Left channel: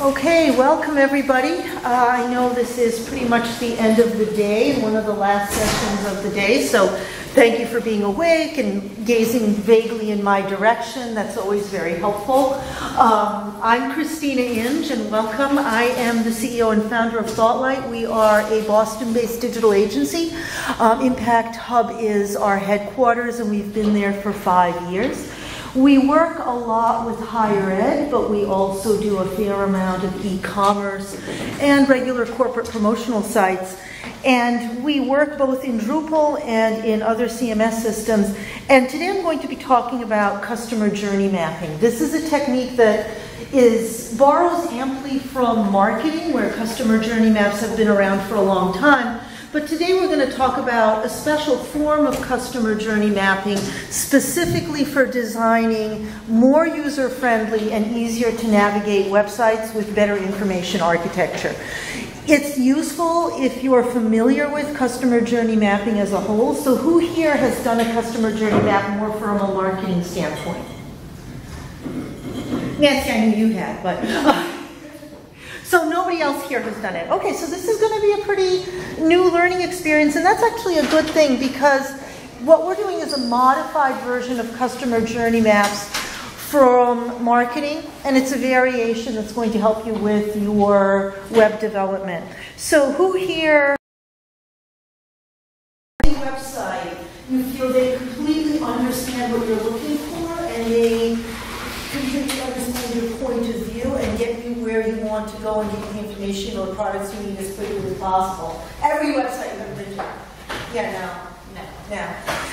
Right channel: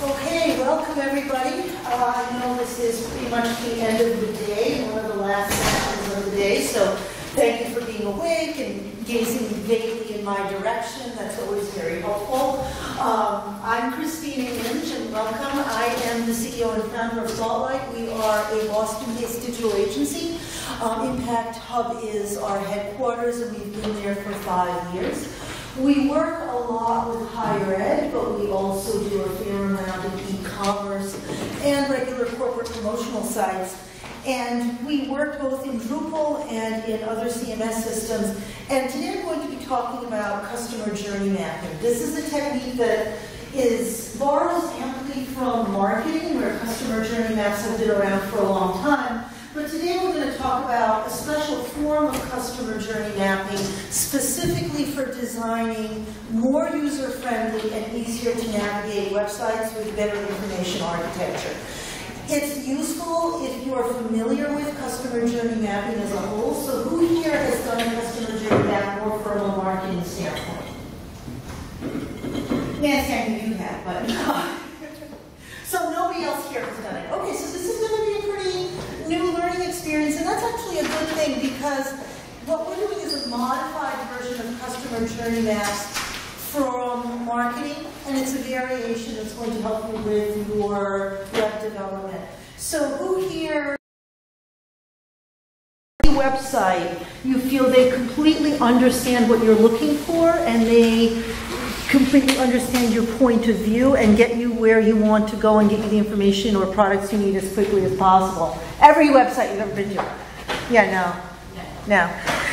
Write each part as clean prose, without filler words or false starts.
Okay, welcome everybody. I know this is pretty much the end of the day, one of the last sessions of the day, so thank you for being awake and gazing vaguely in my direction. That's always very helpful. I'm Christina Inge, and welcome. I am the CEO and founder of ThoughtLight. We are a Boston-based digital agency. Impact Hub is our headquarters, and we've been there for 5 years. We work a lot with higher ed, but we also do a fair amount of e-commerce and regular corporate promotional sites. And we work both in Drupal and in other CMS systems. And today I'm going to be talking about customer journey mapping. This is a technique that borrows amply from marketing, where customer journey maps have been around for a long time. But today we're going to talk about a special form of customer journey mapping specifically for designing more user-friendly and easier to navigate websites with better information architecture. It's useful if you're familiar with customer journey mapping as a whole. So who here has done a customer journey map more from a marketing standpoint? Yes, I knew you had, but... So nobody else here has done it. Okay, so this is going to be a pretty new learning experience, and that's actually a good thing because what we're doing is a modified version of customer journey maps from marketing, and it's a variation that's going to help you with your web development. So who here, website, you feel they completely understand what you're looking for and they completely understand your point of view and get you where you want to go and give you the information or products you need as quickly as possible? Every website you've ever been to. Yeah, no.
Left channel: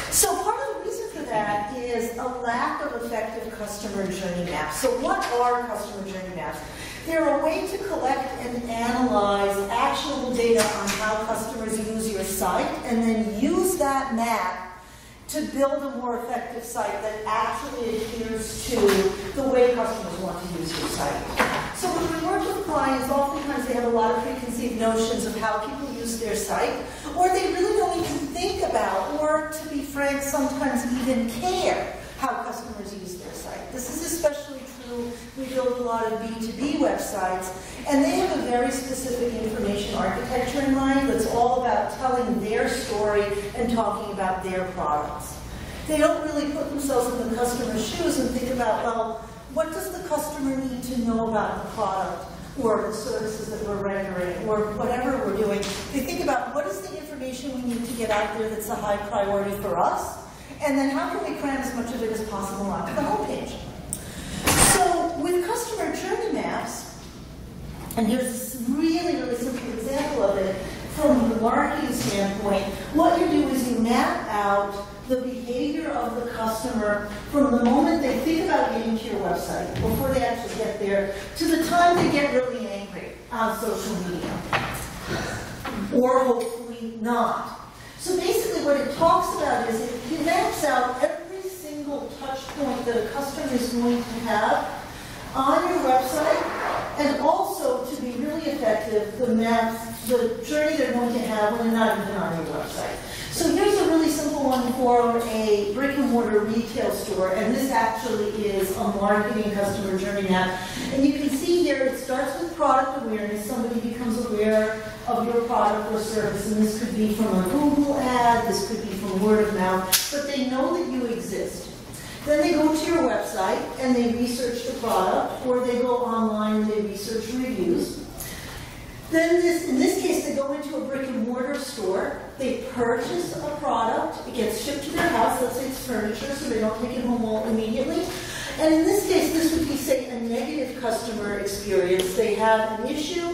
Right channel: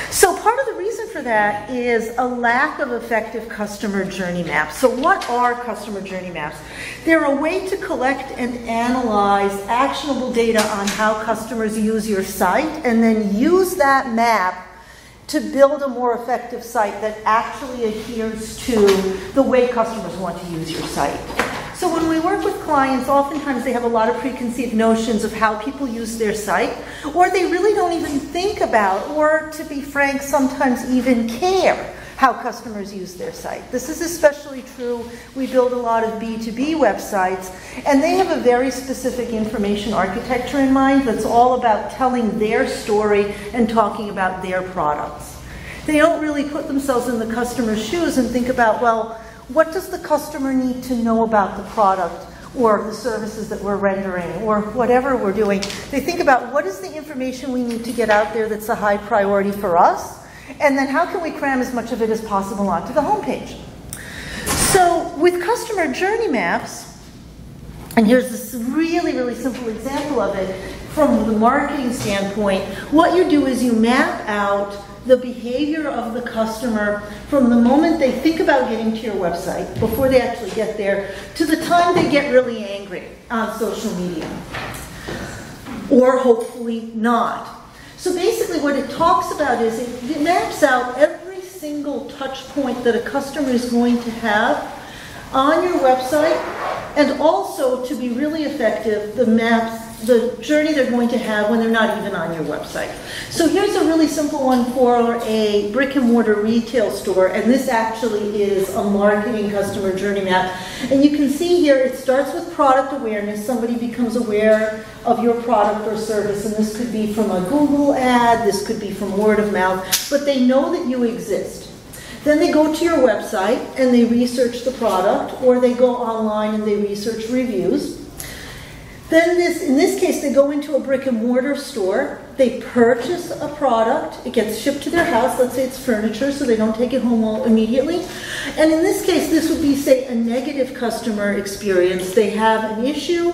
So part of the reason for that is a lack of effective customer journey maps. So what are customer journey maps? They're a way to collect and analyze actionable data on how customers use your site and then use that map to build a more effective site that actually adheres to the way customers want to use your site. So when we work with clients, oftentimes they have a lot of preconceived notions of how people use their site, or they really don't even think about, or to be frank, sometimes even care how customers use their site. This is especially true. We build a lot of B2B websites, and they have a very specific information architecture in mind that's all about telling their story and talking about their products. They don't really put themselves in the customer's shoes and think about, well, what does the customer need to know about the product or the services that we're rendering or whatever we're doing. They think about what is the information we need to get out there that's a high priority for us, and then how can we cram as much of it as possible onto the homepage. So with customer journey maps, and here's this really, really simple example of it from the marketing standpoint, what you do is you map out the behavior of the customer from the moment they think about getting to your website, before they actually get there, to the time they get really angry on social media. Or hopefully not. So basically what it talks about is it maps out every single touch point that a customer is going to have on your website, and also, to be really effective, the journey they're going to have when they're not even on your website. So here's a really simple one for a brick and mortar retail store, and this actually is a marketing customer journey map. And you can see here it starts with product awareness. Somebody becomes aware of your product or service, and this could be from a Google ad, this could be from word of mouth, but they know that you exist. Then they go to your website and they research the product, or they go online and they research reviews. Then in this case, they go into a brick and mortar store, they purchase a product, it gets shipped to their house, let's say it's furniture, so they don't take it home immediately. And in this case, this would be, say, a negative customer experience. They have an issue,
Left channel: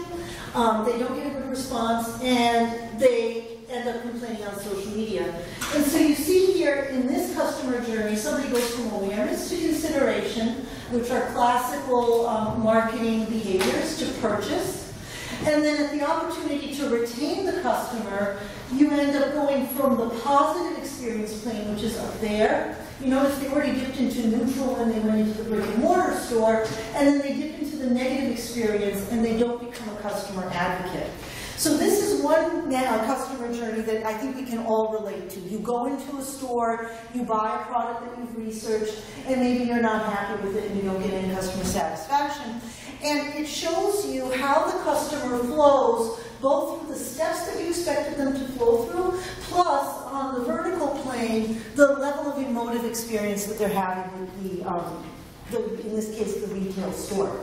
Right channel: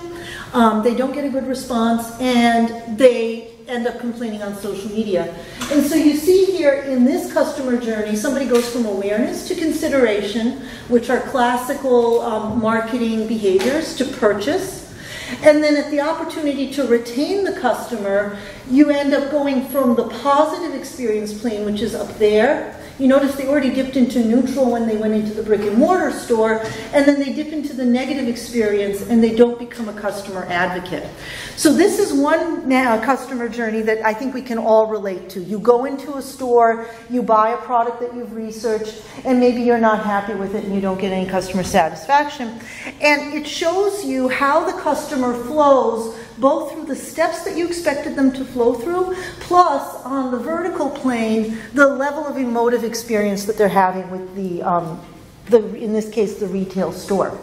they don't get a good response, and they end up complaining on social media. And so you see here in this customer journey, somebody goes from awareness to consideration, which are classical marketing behaviors, to purchase. And then at the opportunity to retain the customer, you end up going from the positive experience plane, which is up there, You notice they already dipped into neutral when they went into the brick and mortar store, and then they dip into the negative experience and they don't become a customer advocate. So this is one customer journey that I think we can all relate to. You go into a store, you buy a product that you've researched, and maybe you're not happy with it and you don't get any customer satisfaction. And it shows you how the customer flows both through the steps that you expected them to flow through, plus on the vertical plane, the level of emotive experience that they're having with in this case, the retail store.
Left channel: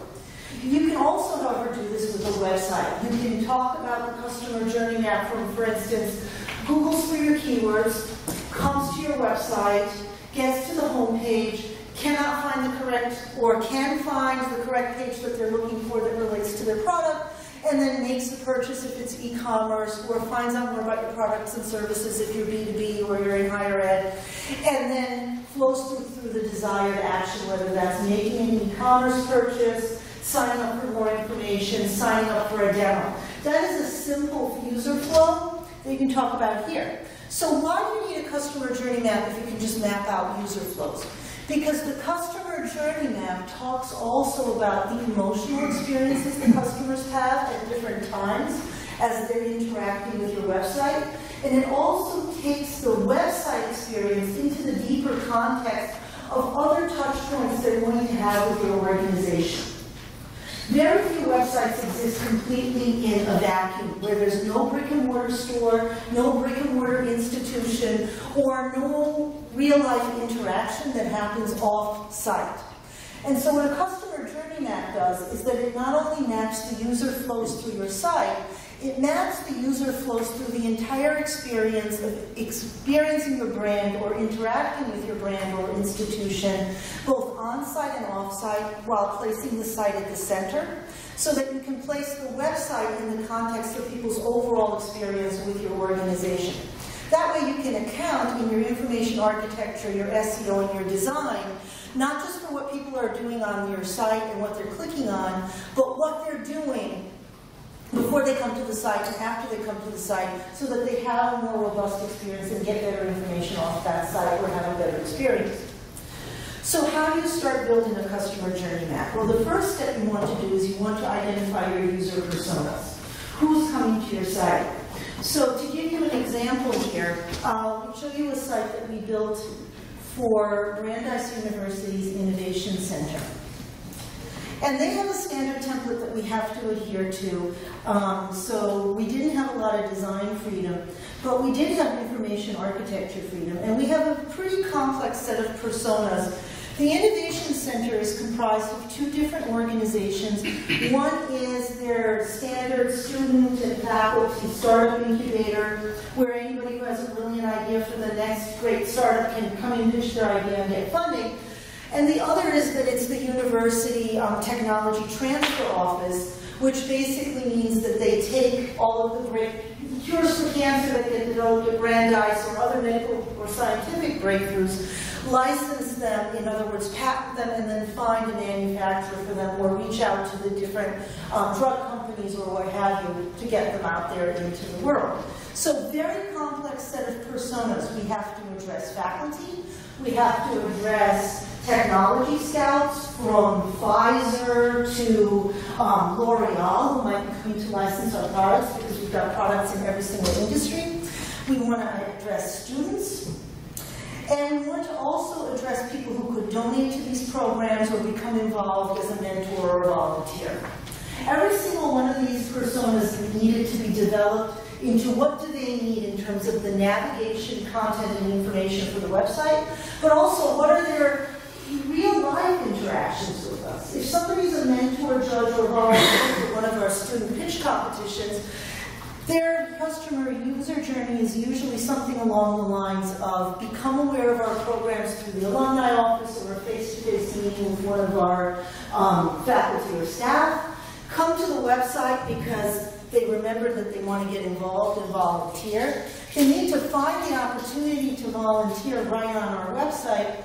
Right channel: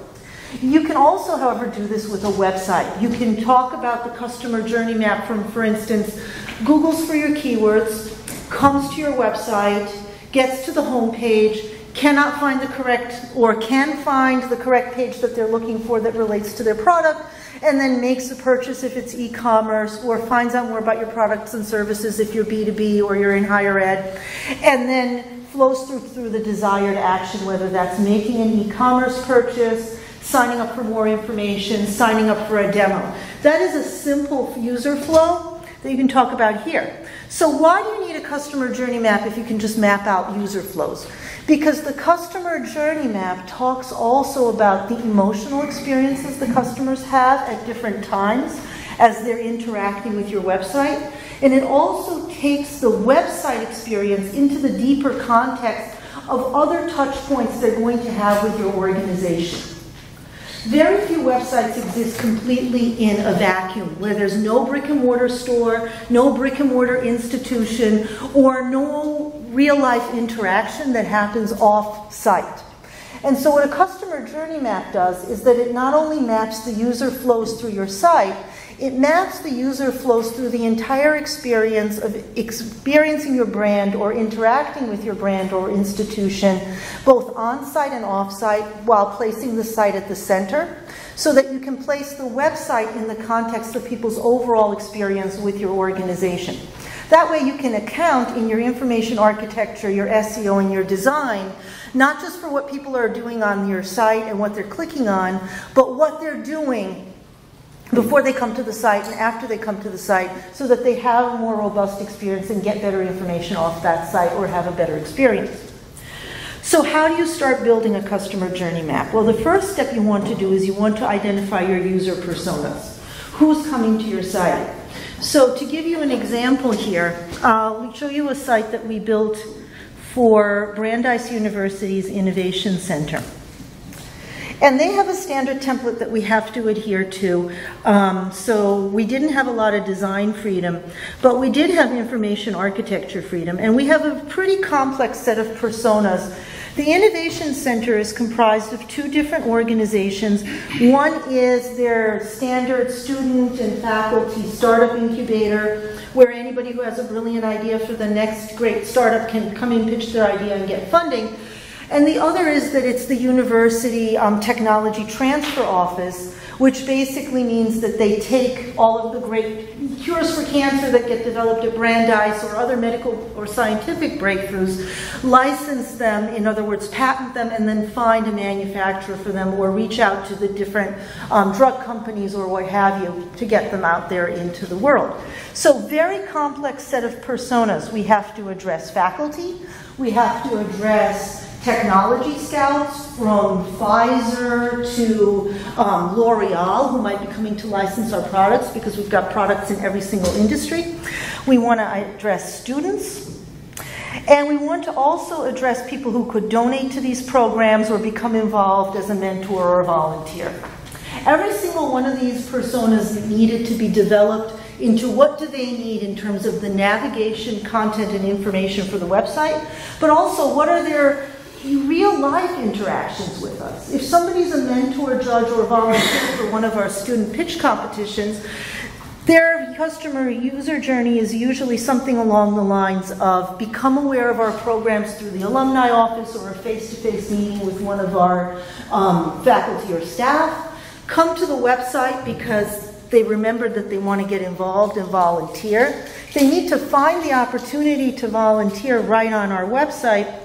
You can also, however, do this with a website. You can talk about the customer journey map from, for instance, Googles for your keywords, comes to your website, gets to the home page, cannot find the correct, or can find the correct page that they're looking for that relates to their product, and then makes a purchase if it's e-commerce, or finds out more about your products and services if you're B2B or you're in higher ed, and then flows through the desired action, whether that's making an e-commerce purchase, signing up for more information, signing up for a demo. That is a simple user flow that you can talk about here. So why do you need a customer journey map if you can just map out user flows? Because the customer journey map talks also about the emotional experiences the customers have at different times as they're interacting with your website. And it also takes the website experience into the deeper context of other touch points they're going to have with your organization. Very few websites exist completely in a vacuum, where there's no brick and mortar store, no brick and mortar institution, or no real life interaction that happens off site. And so what a customer journey map does is that it not only maps the user flows through your site, it maps the user flows through the entire experience of experiencing your brand or interacting with your brand or institution, both on-site and off-site, while placing the site at the center, so that you can place the website in the context of people's overall experience with your organization. That way you can account in your information architecture, your SEO, and your design, not just for what people are doing on your site and what they're clicking on, but what they're doing before they come to the site and after they come to the site, so that they have a more robust experience and get better information off that site or have a better experience. So how do you start building a customer journey map? Well, the first step you want to do is you want to identify your user personas. Who's coming to your site? So to give you an example here, I'll show you a site that we built for Brandeis University's Innovation Center. And they have a standard template that we have to adhere to. So we didn't have a lot of design freedom, but we did have information architecture freedom. And we have a pretty complex set of personas. The Innovation Center is comprised of two different organizations. One is their standard student and faculty startup incubator, where anybody who has a brilliant idea for the next great startup can come and pitch their idea and get funding. And the other is that it's the University Technology Transfer Office, which basically means that they take all of the great cures for cancer that get developed at Brandeis or other medical or scientific breakthroughs, license them, in other words, patent them, and then find a manufacturer for them or reach out to the different drug companies or what have you to get them out there into the world. So very complex set of personas. We have to address faculty. We have to address technology scouts from Pfizer to L'Oreal, who might be coming to license our products because we've got products in every single industry. We want to address students. And we want to also address people who could donate to these programs or become involved as a mentor or a volunteer. Every single one of these personas needed to be developed into what do they need in terms of the navigation, content, and information for the website, but also what are their real-life interactions with us. If somebody's a mentor, judge, or volunteer for one of our student pitch competitions, their customer user journey is usually something along the lines of become aware of our programs through the alumni office or a face-to-face meeting with one of our faculty or staff, come to the website because they remembered that they want to get involved and volunteer. They need to find the opportunity to volunteer right on our website.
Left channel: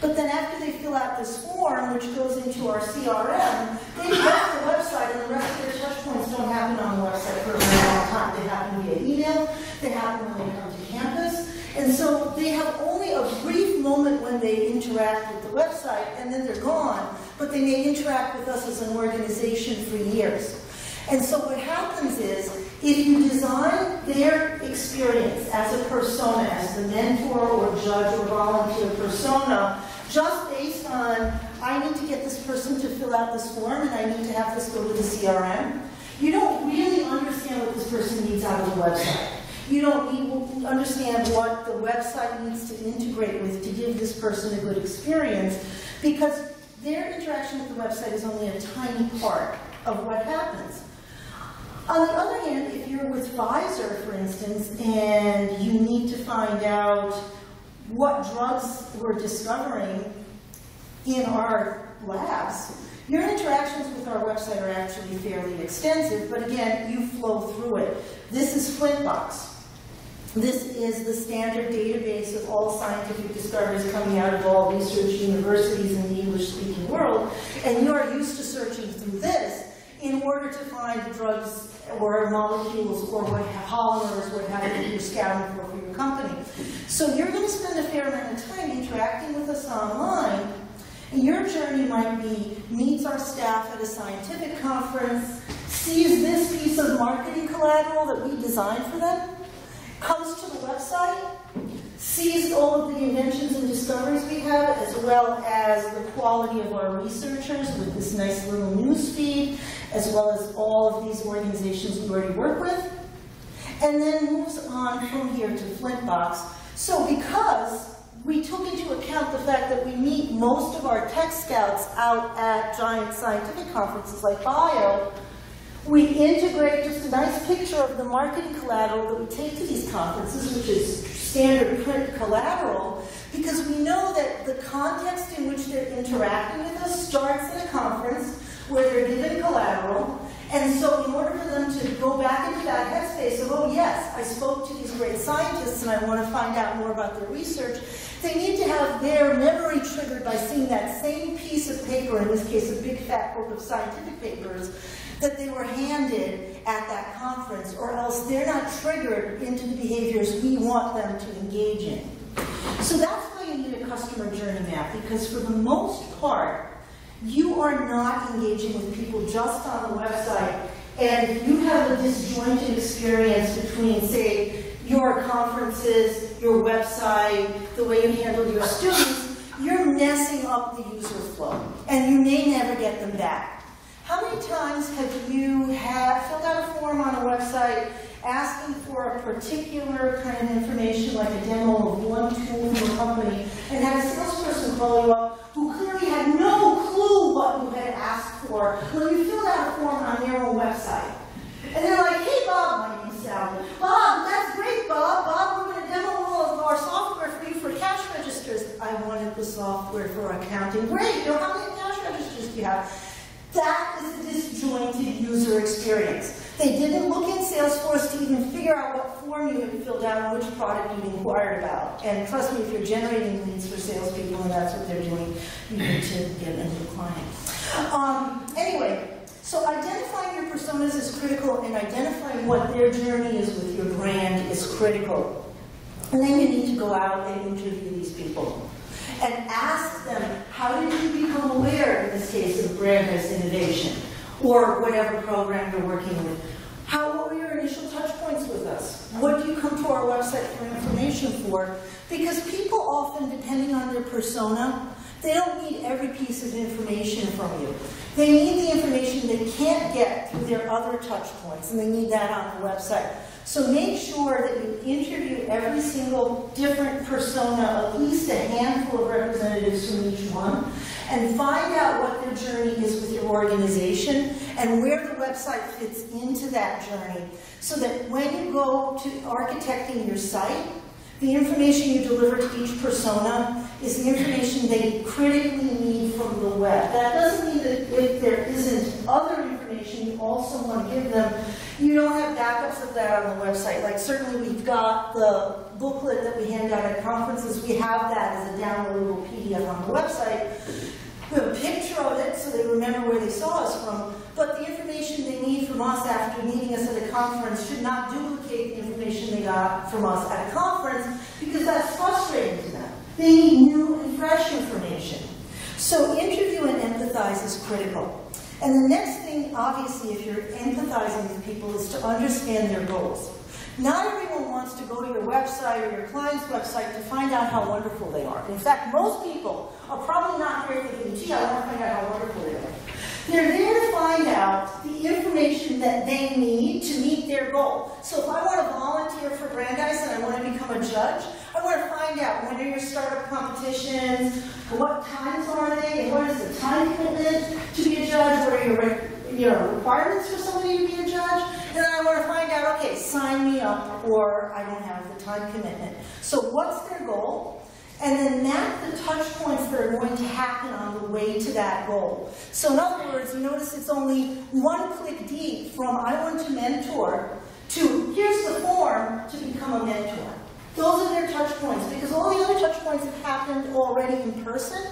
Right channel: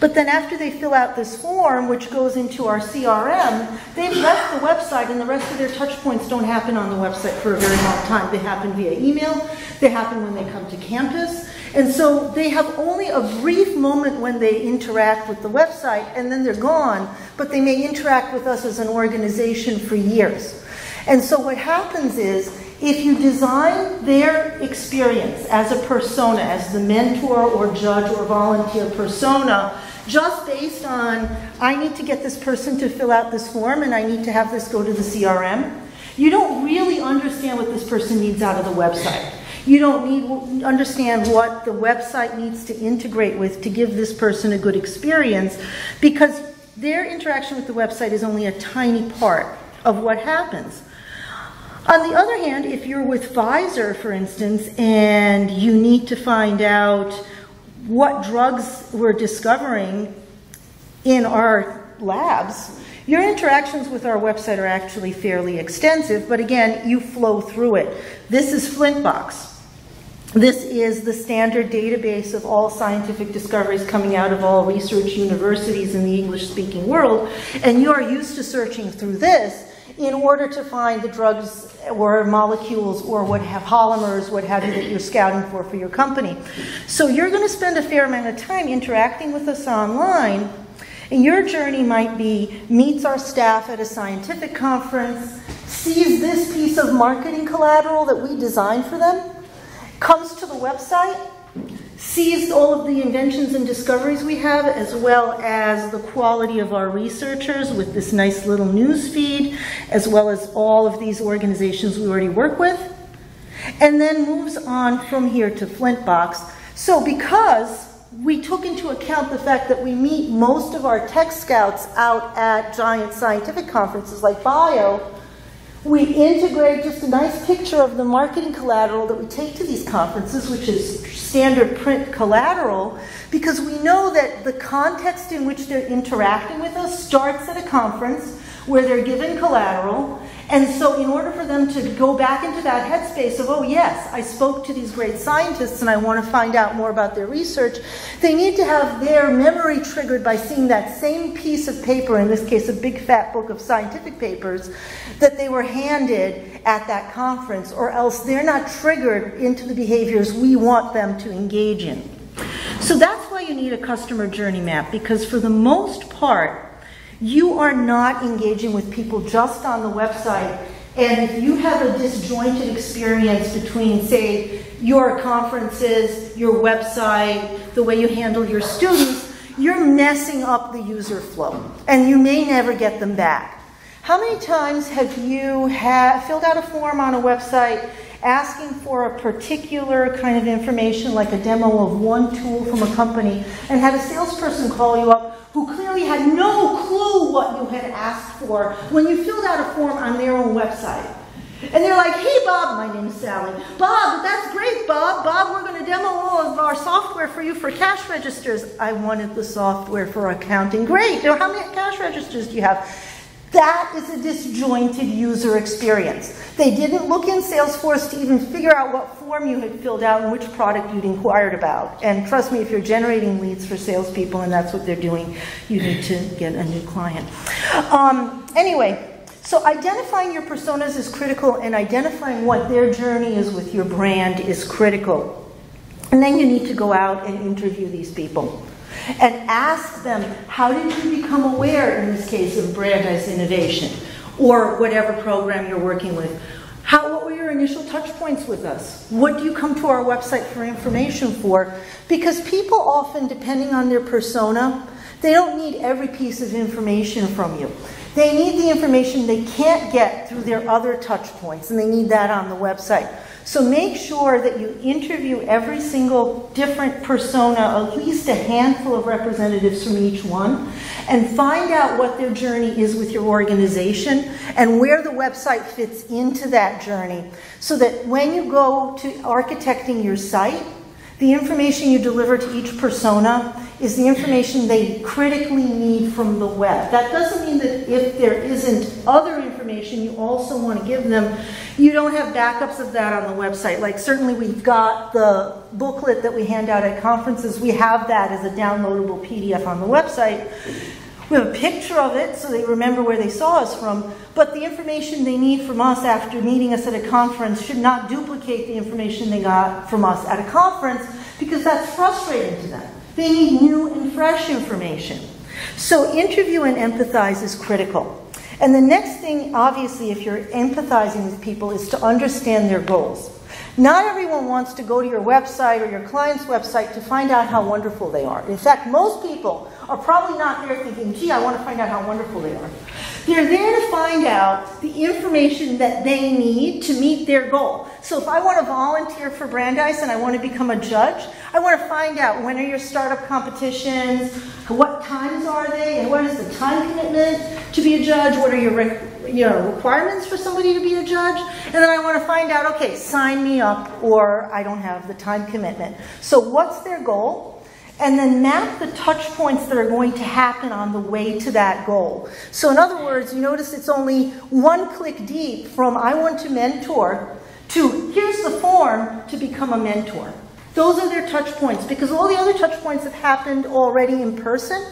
But then after they fill out this form, which goes into our CRM, they've left the website and the rest of their touch points don't happen on the website for a very long time. They happen via email, they happen when they come to campus, And so they have only a brief moment when they interact with the website, and then they're gone, but they may interact with us as an organization for years. And so what happens is, if you design their experience as a persona, as the mentor or judge or volunteer persona, just based on, I need to get this person to fill out this form and I need to have this go to the CRM, you don't really understand what this person needs out of the website. You don't understand what the website needs to integrate with to give this person a good experience, because their interaction with the website is only a tiny part of what happens. On the other hand, if you're with Pfizer, for instance, and you need to find out what drugs we're discovering in our labs, your interactions with our website are actually fairly extensive, but again, you flow through it. This is Flintbox. This is the standard database of all scientific discoveries coming out of all research universities in the English-speaking world, and you are used to searching through this in order to find the drugs or molecules or what have polymers, what have you, that you're scouting for your company. So you're going to spend a fair amount of time interacting with us online, and your journey might be meets our staff at a scientific conference, sees this piece of marketing collateral that we designed for them, comes to the website, sees all of the inventions and discoveries we have, as well as the quality of our researchers with this nice little news feed, as well as all of these organizations we already work with, and then moves on from here to Flintbox. So because we took into account the fact that we meet most of our tech scouts out at giant scientific conferences like Bio, we integrate just a nice picture of the marketing collateral that we take to these conferences, which is standard print collateral, because we know that the context in which they're interacting with us starts at a conference where they're given collateral. And so in order for them to go back into that headspace of, oh yes, I spoke to these great scientists and I want to find out more about their research, they need to have their memory triggered by seeing that same piece of paper, in this case a big fat book of scientific papers, that they were handed at that conference, or else they're not triggered into the behaviors we want them to engage in. So that's why you need a customer journey map, because for the most part, you are not engaging with people just on the website. And if you have a disjointed experience between, say, your conferences, your website, the way you handle your students, you're messing up the user flow, and you may never get them back. How many times have you filled out a form on a website asking for a particular kind of information, like a demo of one tool from a company, and had a salesperson call you up who clearly had no clue what you had asked for when you filled out a form on their own website? And they're like, hey Bob, my name is Sally. Bob, that's great, Bob. Bob, we're going to demo all of our software for you for cash registers. I wanted the software for accounting. Great. How many cash registers do you have? That is a disjointed user experience. They didn't look in Salesforce to even figure out what form you had filled out and which product you'd inquired about. And trust me, if you're generating leads for salespeople and that's what they're doing, you need to get a new client. Anyway, so identifying your personas is critical, and identifying what their journey is with your brand is critical. And then you need to go out and interview these people and ask them, how did you become aware, in this case, of brand as innovation, or whatever program you're working with? What were your initial touch points with us? What do you come to our website for information for? Because people often, depending on their persona, they don't need every piece of information from you. They need the information they can't get through their other touch points, and they need that on the website. So make sure that you interview every single different persona, at least a handful of representatives from each one, and find out what their journey is with your organization and where the website fits into that journey, so that when you go to architecting your site, the information you deliver to each persona is the information they critically need from the web. That doesn't mean that if there isn't other information you also want to give them, you don't have backups of that on the website. Like, certainly we've got the booklet that we hand out at conferences. We have that as a downloadable PDF on the website. We have a picture of it so they remember where they saw us from, but the information they need from us after meeting us at a conference should not duplicate the information they got from us at a conference, because that's frustrating to them. They need new and fresh information. So interview and empathize is critical. And the next thing, obviously, if you're empathizing with people, is to understand their goals. Not everyone wants to go to your website or your client's website to find out how wonderful they are. In fact, most people are probably not there thinking, gee, I want to find out how wonderful they are. They're there to find out the information that they need to meet their goal. So if I want to volunteer for Brandeis and I want to become a judge, I want to find out when are your startup competitions, what times are they, and what is the time commitment to be a judge, what are your requirements for somebody to be a judge, and then I want to find out, okay, sign me up, or I don't have the time commitment. So what's their goal? And then map the touch points that are going to happen on the way to that goal. So in other words, you notice it's only one click deep from I want to mentor to here's the form to become a mentor. Those are their touch points, because all the other touch points have happened already in person,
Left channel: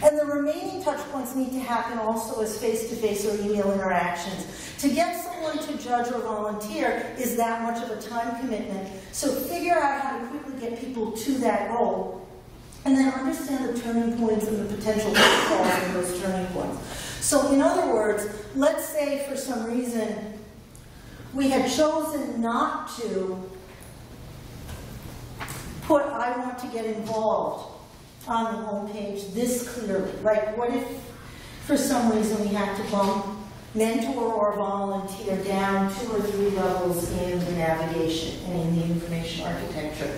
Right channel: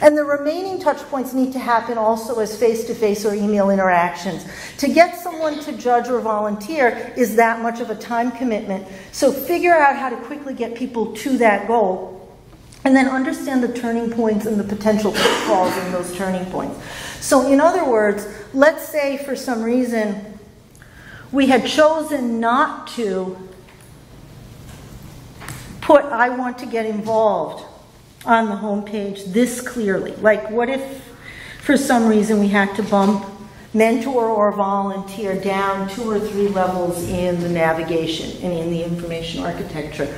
and the remaining touch points need to happen also as face-to-face or email interactions. To get someone to judge or volunteer is that much of a time commitment. So figure out how to quickly get people to that goal, and then understand the turning points and the potential pitfalls in those turning points. So in other words, let's say for some reason we had chosen not to put I want to get involved on the home page this clearly. Like, what if for some reason we had to bump mentor or volunteer down 2 or 3 levels in the navigation and in the information architecture?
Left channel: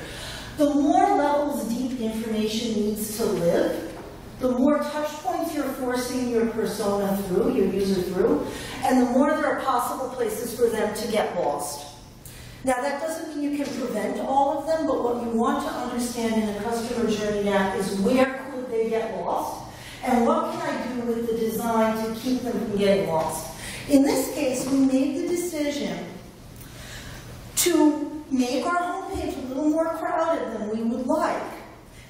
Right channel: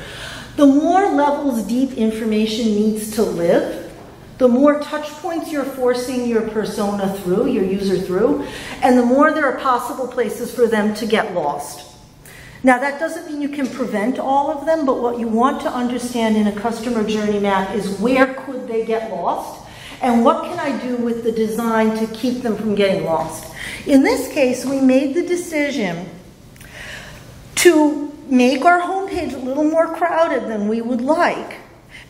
The more levels deep information needs to live, the more touch points you're forcing your persona through, your user through, and the more there are possible places for them to get lost. Now, that doesn't mean you can prevent all of them, but what you want to understand in a customer journey map is where could they get lost, and what can I do with the design to keep them from getting lost. In this case, we made the decision to make our homepage a little more crowded than we would like,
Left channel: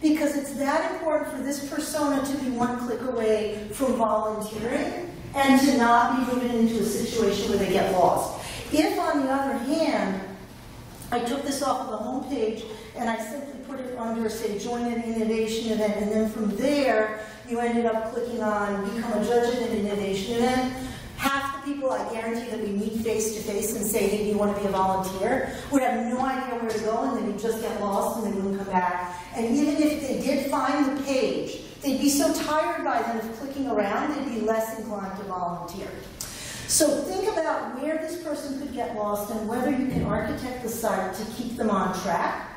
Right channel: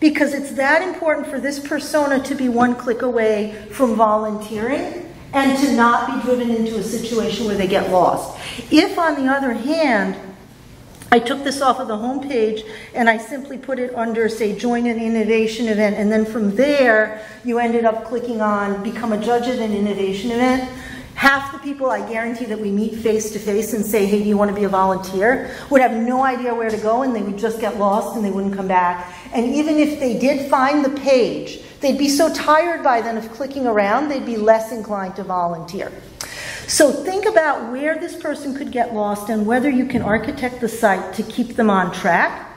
because it's that important for this persona to be one click away from volunteering and to not be driven into a situation where they get lost. If, on the other hand, I took this off of the homepage and I simply put it under, say, join an innovation event, and then from there you ended up clicking on become a judge at an innovation event, half the people, I guarantee, that we meet face-to-face and say, hey, do you want to be a volunteer, would have no idea where to go, and they would just get lost and they wouldn't come back. And even if they did find the page, they'd be so tired by then of clicking around, they'd be less inclined to volunteer. So think about where this person could get lost and whether you can architect the site to keep them on track.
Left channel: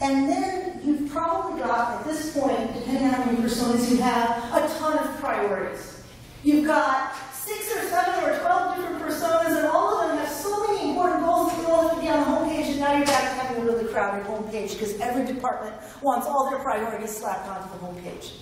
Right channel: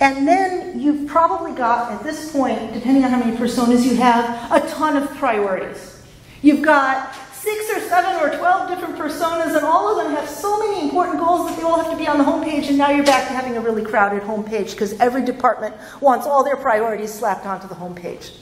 And then you've probably got, at this point, depending on how many personas you have, a ton of priorities. You've got 6 or 7 or 12 different personas, and all of them have so many important goals that they all have to be on the homepage, and now you're back to having a really crowded homepage because every department wants all their priorities slapped onto the homepage.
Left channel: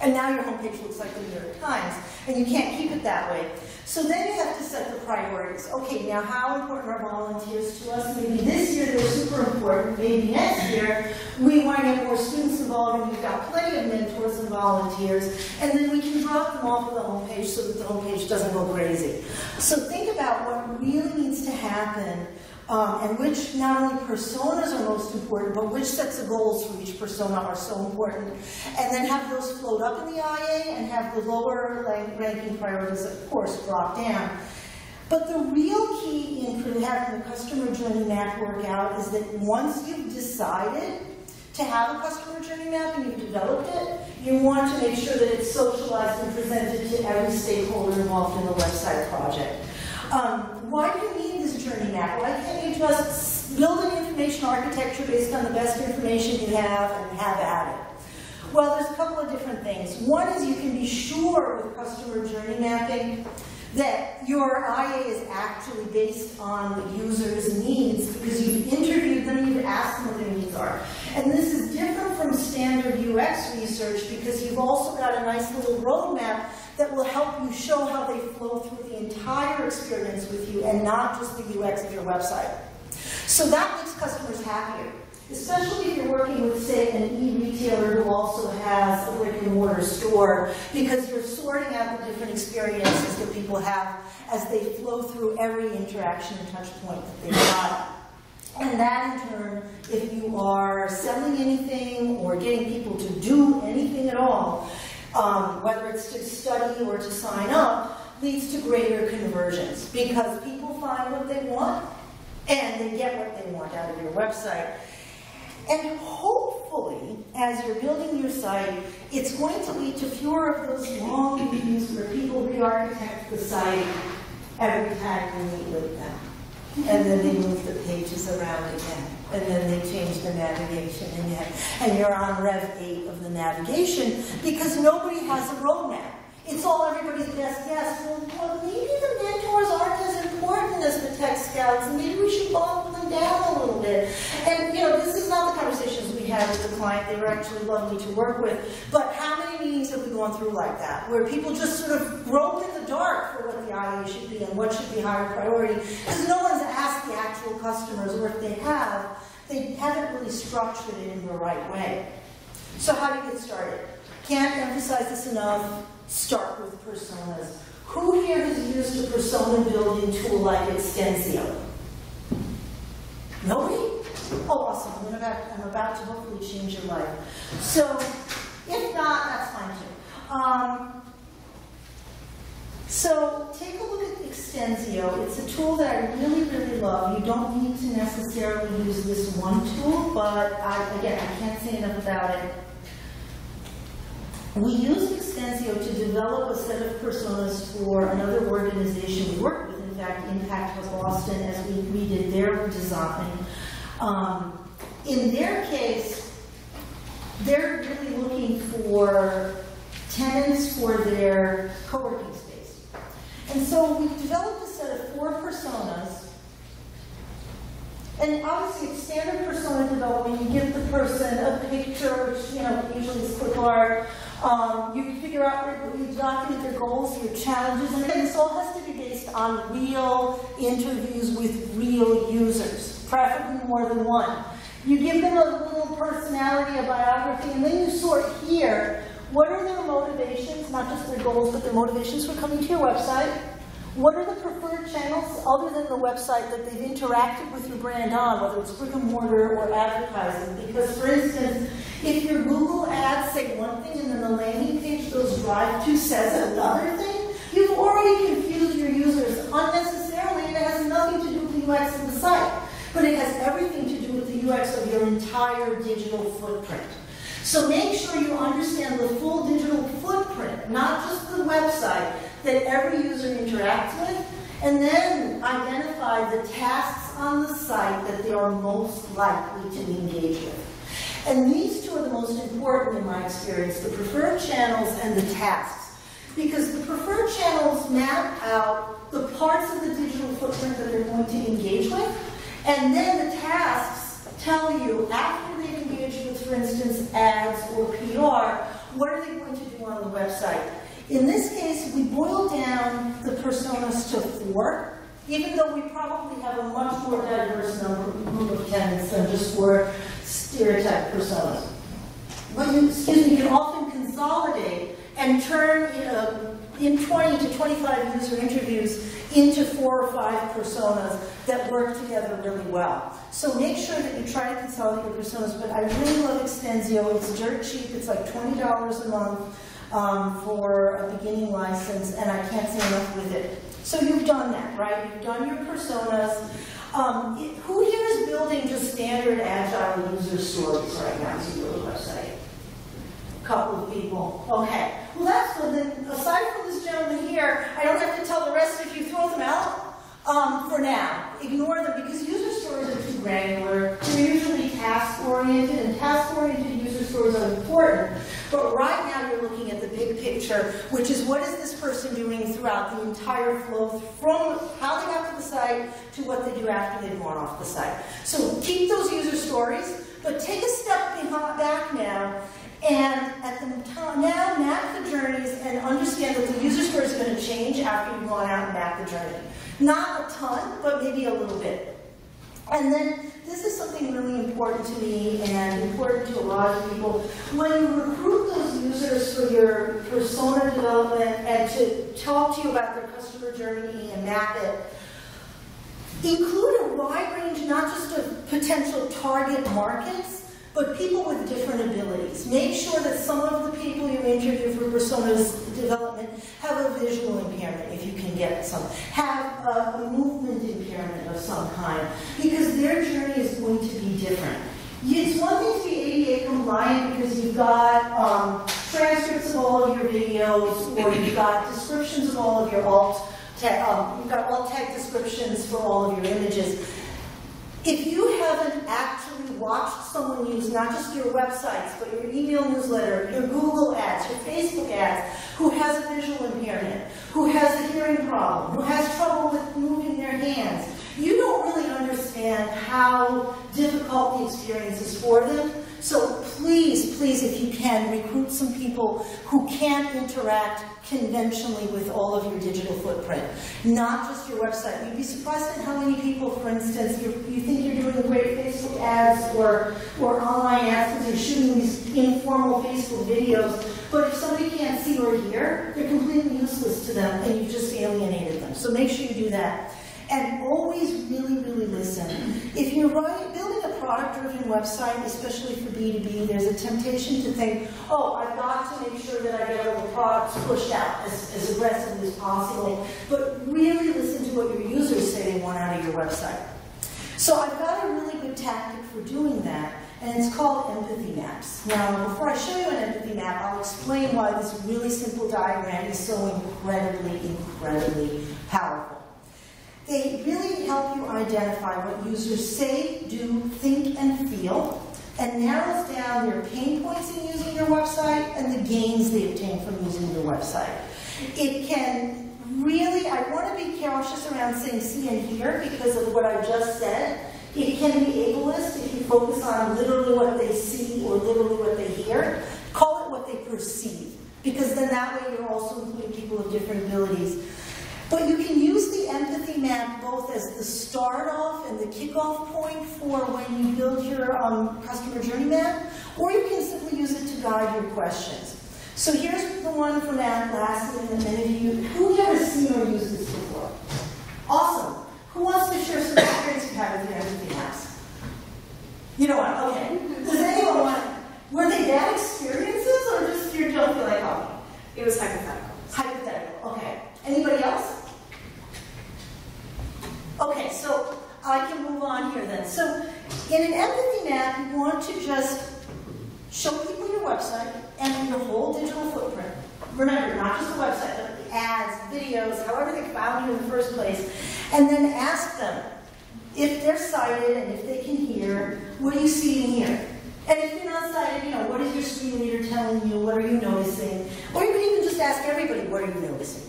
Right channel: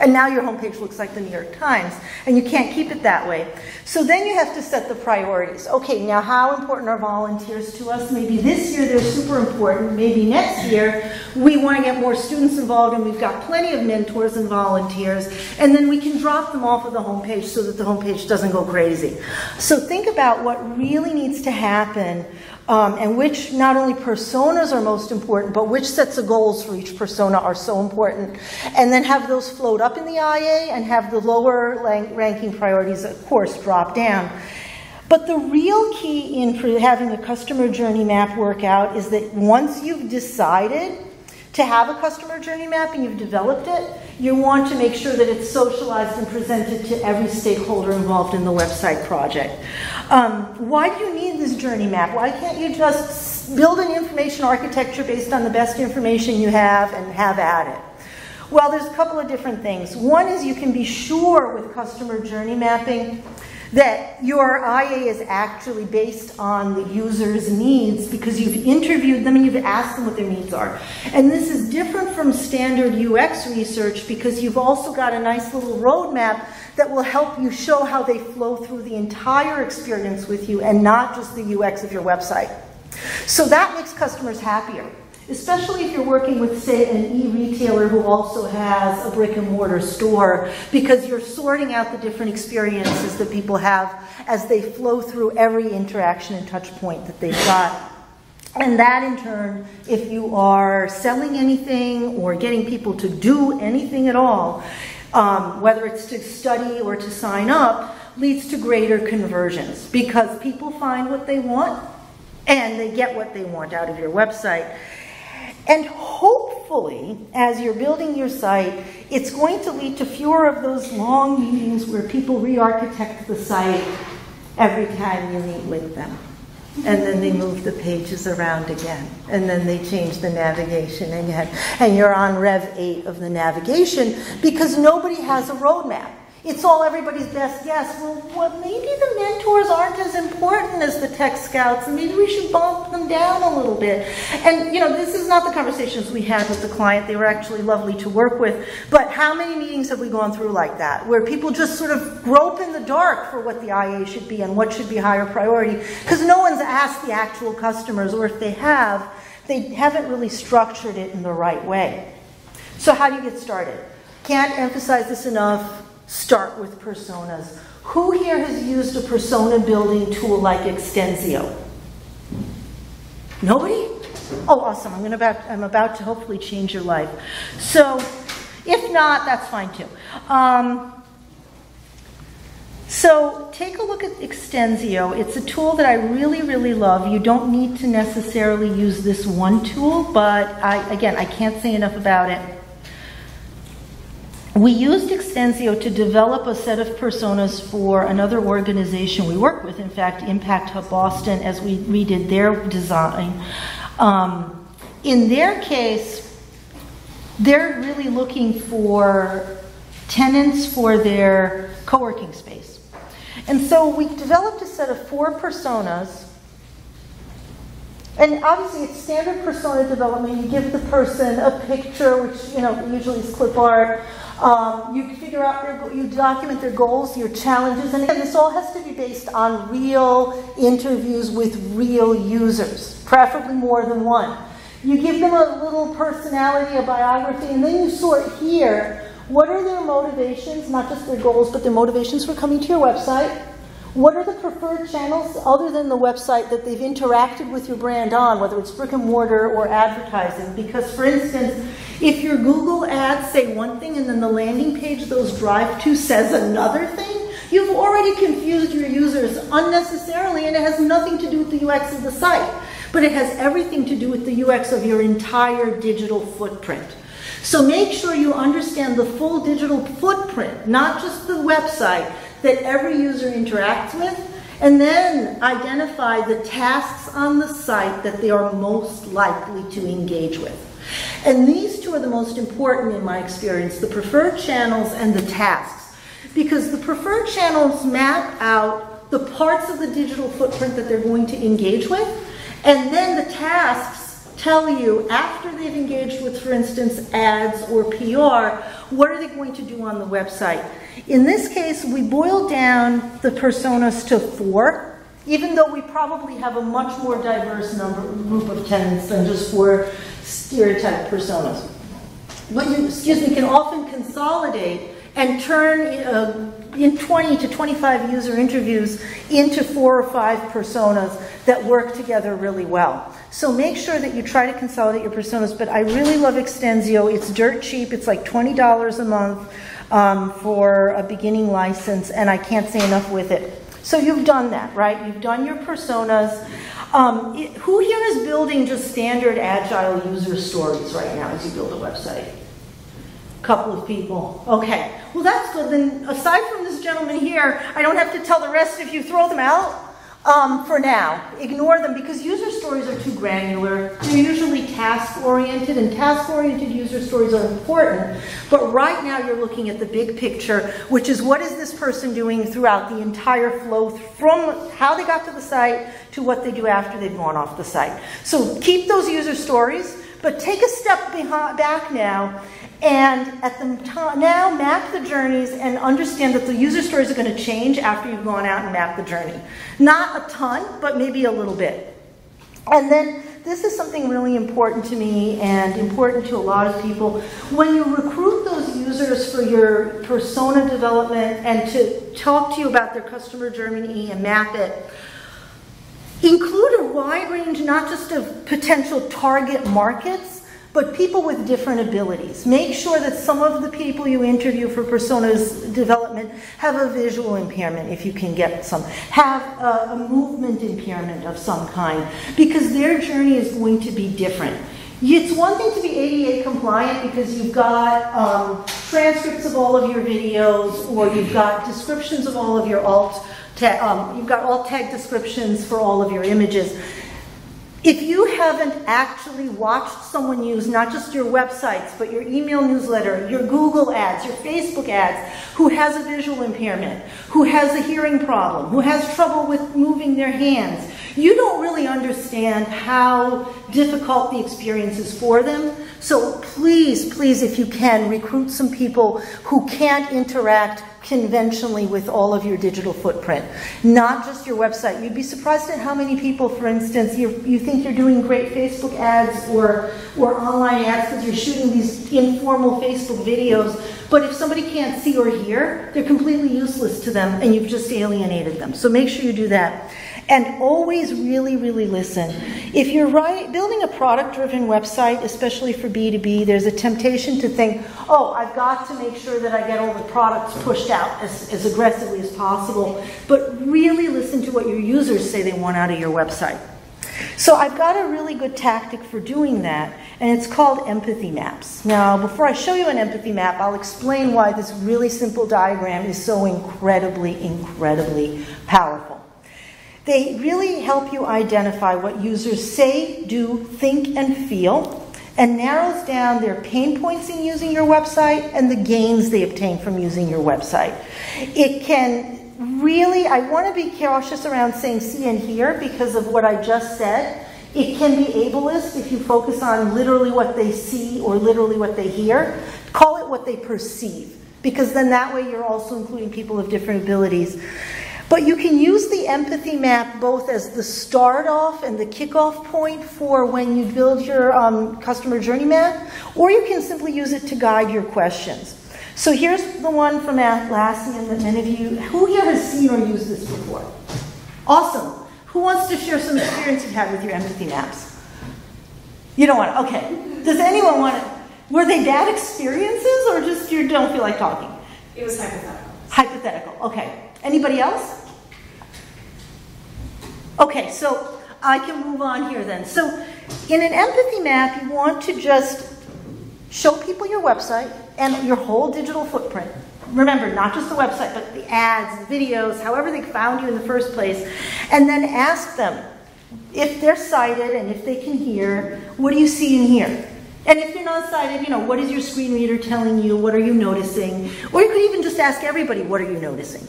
And now your homepage looks like the New York Times, and you can't keep it that way. So then you have to set the priorities. Okay, now how important are volunteers to us? Maybe this year they're super important. Maybe next year we want to get more students involved, and we've got plenty of mentors and volunteers, and then we can drop them off of the homepage so that the homepage doesn't go crazy. So think about what really needs to happen, and which not only personas are most important, but which sets of goals for each persona are so important. And then have those float up in the IA and have the lower ranking priorities, of course, drop down. But the real key in having a customer journey map work out is that once you've decided to have a customer journey map and you've developed it, you want to make sure that it's socialized and presented to every stakeholder involved in the website project. Why do you need this journey map? Why can't you just build an information architecture based on the best information you have and have at it? Well, there's a couple of different things. One is you can be sure with customer journey mapping that your IA is actually based on the user's needs because you've interviewed them and you've asked them what their needs are. And this is different from standard UX research because you've also got a nice little roadmap that will help you show how they flow through the entire experience with you and not just the UX of your website. So that makes customers happier, especially if you're working with, say, an e-retailer who also has a brick and mortar store, because you're sorting out the different experiences that people have as they flow through every interaction and touch point that they've got. And that in turn, if you are selling anything or getting people to do anything at all, whether it's to study or to sign up, leads to greater conversions, because people find what they want and they get what they want out of your website. And hopefully, as you're building your site, it's going to lead to fewer of those long meetings where people re-architect the site every time you meet with them. And then they move the pages around again. And then they change the navigation again. And you're on Rev 8 of the navigation because nobody has a roadmap. It's all everybody's best guess. Well, maybe the mentors aren't as important as the tech scouts, and maybe we should bump them down a little bit. And, you know, this is not the conversations we had with the client. They were actually lovely to work with. But how many meetings have we gone through like that, where people just sort of grope in the dark for what the IA should be and what should be higher priority? Because no one's asked the actual customers, or if they have, they haven't really structured it in the right way. So how do you get started? Can't emphasize this enough. Start with personas. Who here has used a persona building tool like Extensio? Nobody? Oh, awesome. I'm about to hopefully change your life. So, if not, that's fine too. So, take a look at Extensio. It's a tool that I really, really love. You don't need to necessarily use this one tool, but again, I can't say enough about it. We used Extensio to develop a set of personas for another organization we work with, in fact, Impact Hub Boston, as we redid their design. In their case, they're really looking for tenants for their co-working space. And so we developed a set of 4 personas. And obviously, it's standard persona development. You give the person a picture, which, you know, usually is clip art. You figure out, you document their goals, your challenges, and again, this all has to be based on real interviews with real users, preferably more than one. You give them a little personality, a biography, and then you sort here, what are their motivations, not just their goals, but their motivations for coming to your website? What are the preferred channels other than the website that they've interacted with your brand on, whether it's brick and mortar or advertising? Because, for instance, if your Google ads say one thing and then the landing page those drive to says another thing, you've already confused your users unnecessarily, and it has nothing to do with the UX of the site. But it has everything to do with the UX of your entire digital footprint. So make sure you understand the full digital footprint, not just the website that every user interacts with, and then identify the tasks on the site that they are most likely to engage with. And these two are the most important in my experience, the preferred channels and the tasks. Because the preferred channels map out the parts of the digital footprint that they're going to engage with, and then the tasks tell you, after they've engaged with, for instance, ads or PR, what are they going to do on the website? In this case, we boiled down the personas to 4, even though we probably have a much more diverse group of tenants than just 4 stereotype personas. But you, can often consolidate and turn in 20 to 25 user interviews into 4 or 5 personas that work together really well. So make sure that you try to consolidate your personas, but I really love Extensio. It's dirt cheap. It's like $20 a month for a beginning license, and I can't say enough with it. So you've done that, right? You've done your personas. Who here is building just standard agile user stories right now as you build a website? A couple of people. Okay. Well, that's good. Then aside from this gentleman here, I don't have to tell the rest of you, throw them out for now. Ignore them because user stories are too granular. They're usually task-oriented, and task-oriented user stories are important. But right now you're looking at the big picture, which is what is this person doing throughout the entire flow from how they got to the site to what they do after they've gone off the site. So keep those user stories, but take a step back now and now map the journeys and understand that the user stories are going to change after you've gone out and mapped the journey. Not a ton, but maybe a little bit. And then this is something really important to me and important to a lot of people. When you recruit those users for your persona development and to talk to you about their customer journey and map it, include a wide range not just of potential target markets, but people with different abilities. Make sure that some of the people you interview for personas development have a visual impairment, if you can get some, have a movement impairment of some kind, because their journey is going to be different. It's one thing to be ADA compliant because you've got transcripts of all of your videos, or you've got descriptions of all of your you've got alt tag descriptions for all of your images. If you haven't actually watched someone use not just your websites, but your email newsletter, your Google ads, your Facebook ads, who has a visual impairment, who has a hearing problem, who has trouble with moving their hands, you don't really understand how difficult the experience is for them. So please, please, if you can, recruit some people who can't interact conventionally with all of your digital footprint, not just your website. You'd be surprised at how many people, for instance, you think you're doing great Facebook ads or online ads because you're shooting these informal Facebook videos, but if somebody can't see or hear, they're completely useless to them and you've just alienated them. So make sure you do that. And always really, really listen. If you're building a product-driven website, especially for B2B, there's a temptation to think, oh, I've got to make sure that I get all the products pushed out as aggressively as possible. But really listen to what your users say they want out of your website. So I've got a really good tactic for doing that, and it's called empathy maps. Now, before I show you an empathy map, I'll explain why this really simple diagram is so incredibly, incredibly powerful. They really help you identify what users say, do, think, and feel, and narrows down their pain points in using your website and the gains they obtain from using your website. It can really, I want to be cautious around saying see and hear because of what I just said. It can be ableist if you focus on literally what they see or literally what they hear. Call it what they perceive, because then that way you're also including people of different abilities. But you can use the empathy map both as the start off and the kickoff point for when you build your customer journey map, or you can simply use it to guide your questions. So here's the one from Atlassian that many of you, who here has seen or used this before? Awesome. Who wants to share some experience you had with your empathy maps? You don't want to, okay. Does anyone want to, were they bad experiences or just you don't feel like talking? It was hypothetical. Hypothetical, okay. Anybody else? Okay, so I can move on here then. So in an empathy map, you want to just show people your website and your whole digital footprint. Remember, not just the website, but the ads, videos, however they found you in the first place. And then ask them, if they're sighted and if they can hear, what do you see and hear? And if you're not sighted, you know, what is your screen reader telling you? What are you noticing? Or you could even just ask everybody, what are you noticing?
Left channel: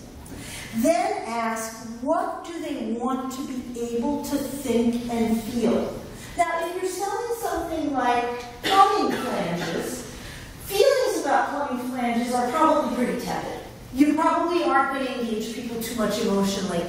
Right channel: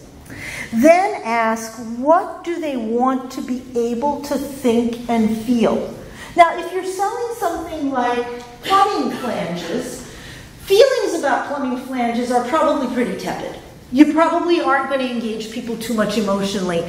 Then ask, what do they want to be able to think and feel? Now, if you're selling something like plumbing flanges, feelings about plumbing flanges are probably pretty tepid. You probably aren't going to engage people too much emotionally.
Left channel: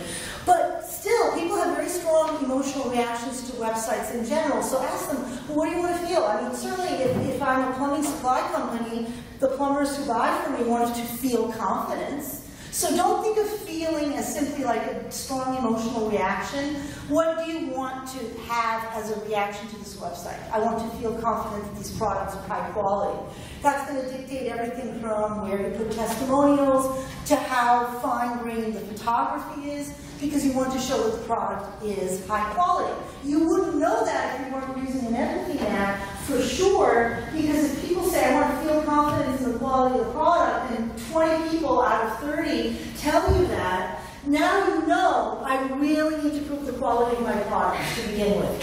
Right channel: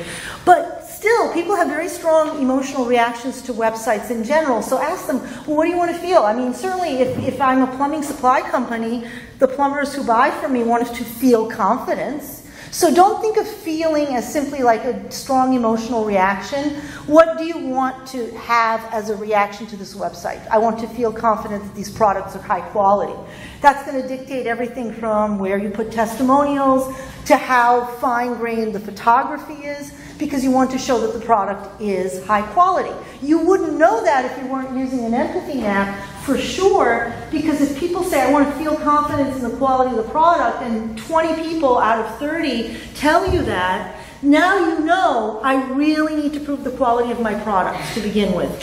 But still, people have very strong emotional reactions to websites in general. So ask them, well, what do you want to feel? I mean, certainly if I'm a plumbing supply company, the plumbers who buy from me want to feel confidence. So don't think of feeling as simply like a strong emotional reaction. What do you want to have as a reaction to this website? I want to feel confident that these products are high quality. That's going to dictate everything from where you put testimonials to how fine-grained the photography is, because you want to show that the product is high quality. You wouldn't know that if you weren't using an empathy map for sure, because if people say, I want to feel confidence in the quality of the product, and 20 people out of 30 tell you that, now you know I really need to prove the quality of my products to begin with.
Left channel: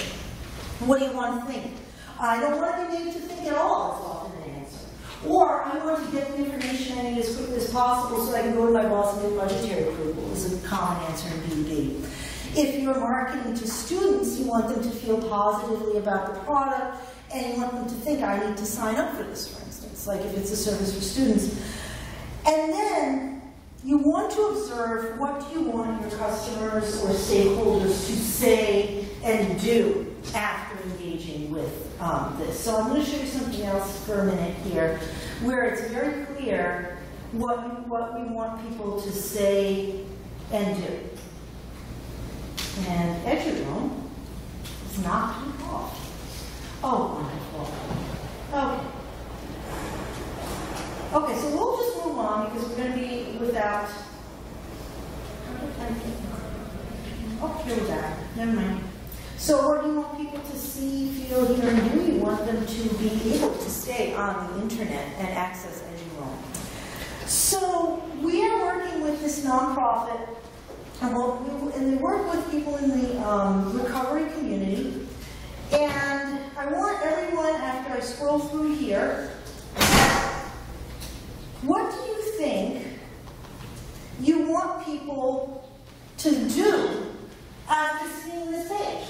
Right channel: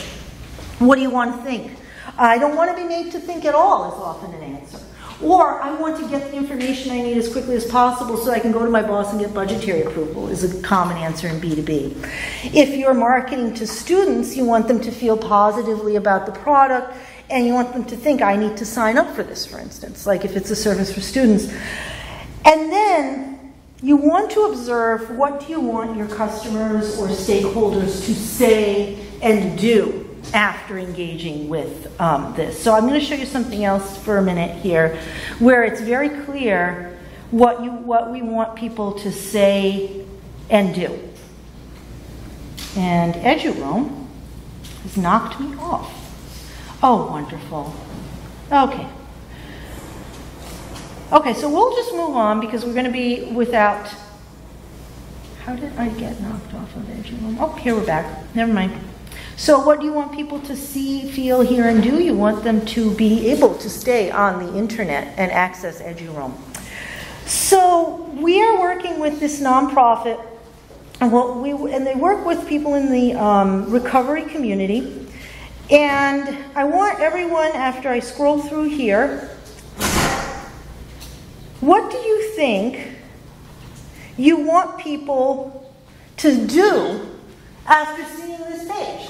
What do you want to think? I don't want to be made to think at all is often an answer. Or I want to get the information I need as quickly as possible so I can go to my boss and get budgetary approval is a common answer in B2B. If you're marketing to students, you want them to feel positively about the product and you want them to think, I need to sign up for this, for instance, like if it's a service for students. And then you want to observe what do you want your customers or stakeholders to say and do. after engaging with this. So I'm going to show you something else for a minute here, where it's very clear what we want people to say and do. And EduRoam has knocked me off. Oh, wonderful. Okay. Okay, so we'll just move on because we're going to be without. How did I get knocked off of EduRoam? Oh, here we're back. Never mind. So what do you want people to see, feel, hear, and do? You want them to be able to stay on the internet and access EduRoam. So we are working with this nonprofit, and they work with people in the recovery community. And I want everyone, after I scroll through here, what do you think you want people to do after seeing this page?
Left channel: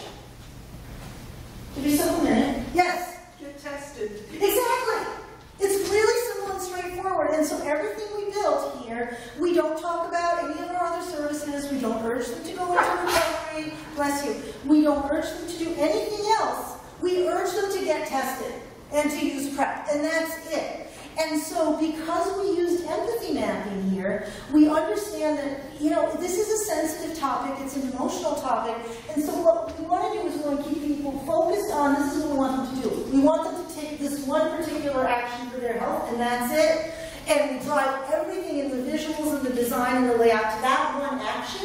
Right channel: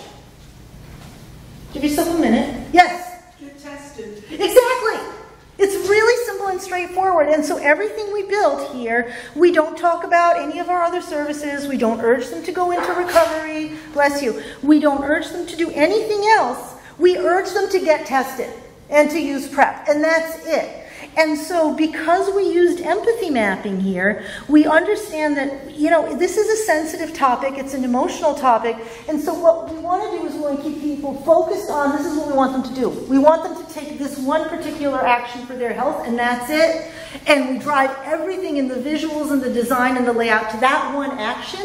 Give yourself a minute. Yes? Get tested. Exactly. It's really simple and straightforward. And so everything we built here, we don't talk about any of our other services. We don't urge them to go into recovery. Bless you. We don't urge them to do anything else. We urge them to get tested and to use PrEP. And that's it. And so because we used empathy mapping here, we understand that, you know, this is a sensitive topic, it's an emotional topic, and so what we want to do is we want to keep people focused on, this is what we want them to do. We want them to take this one particular action for their health, and that's it. And we drive everything in the visuals and the design and the layout to that one action,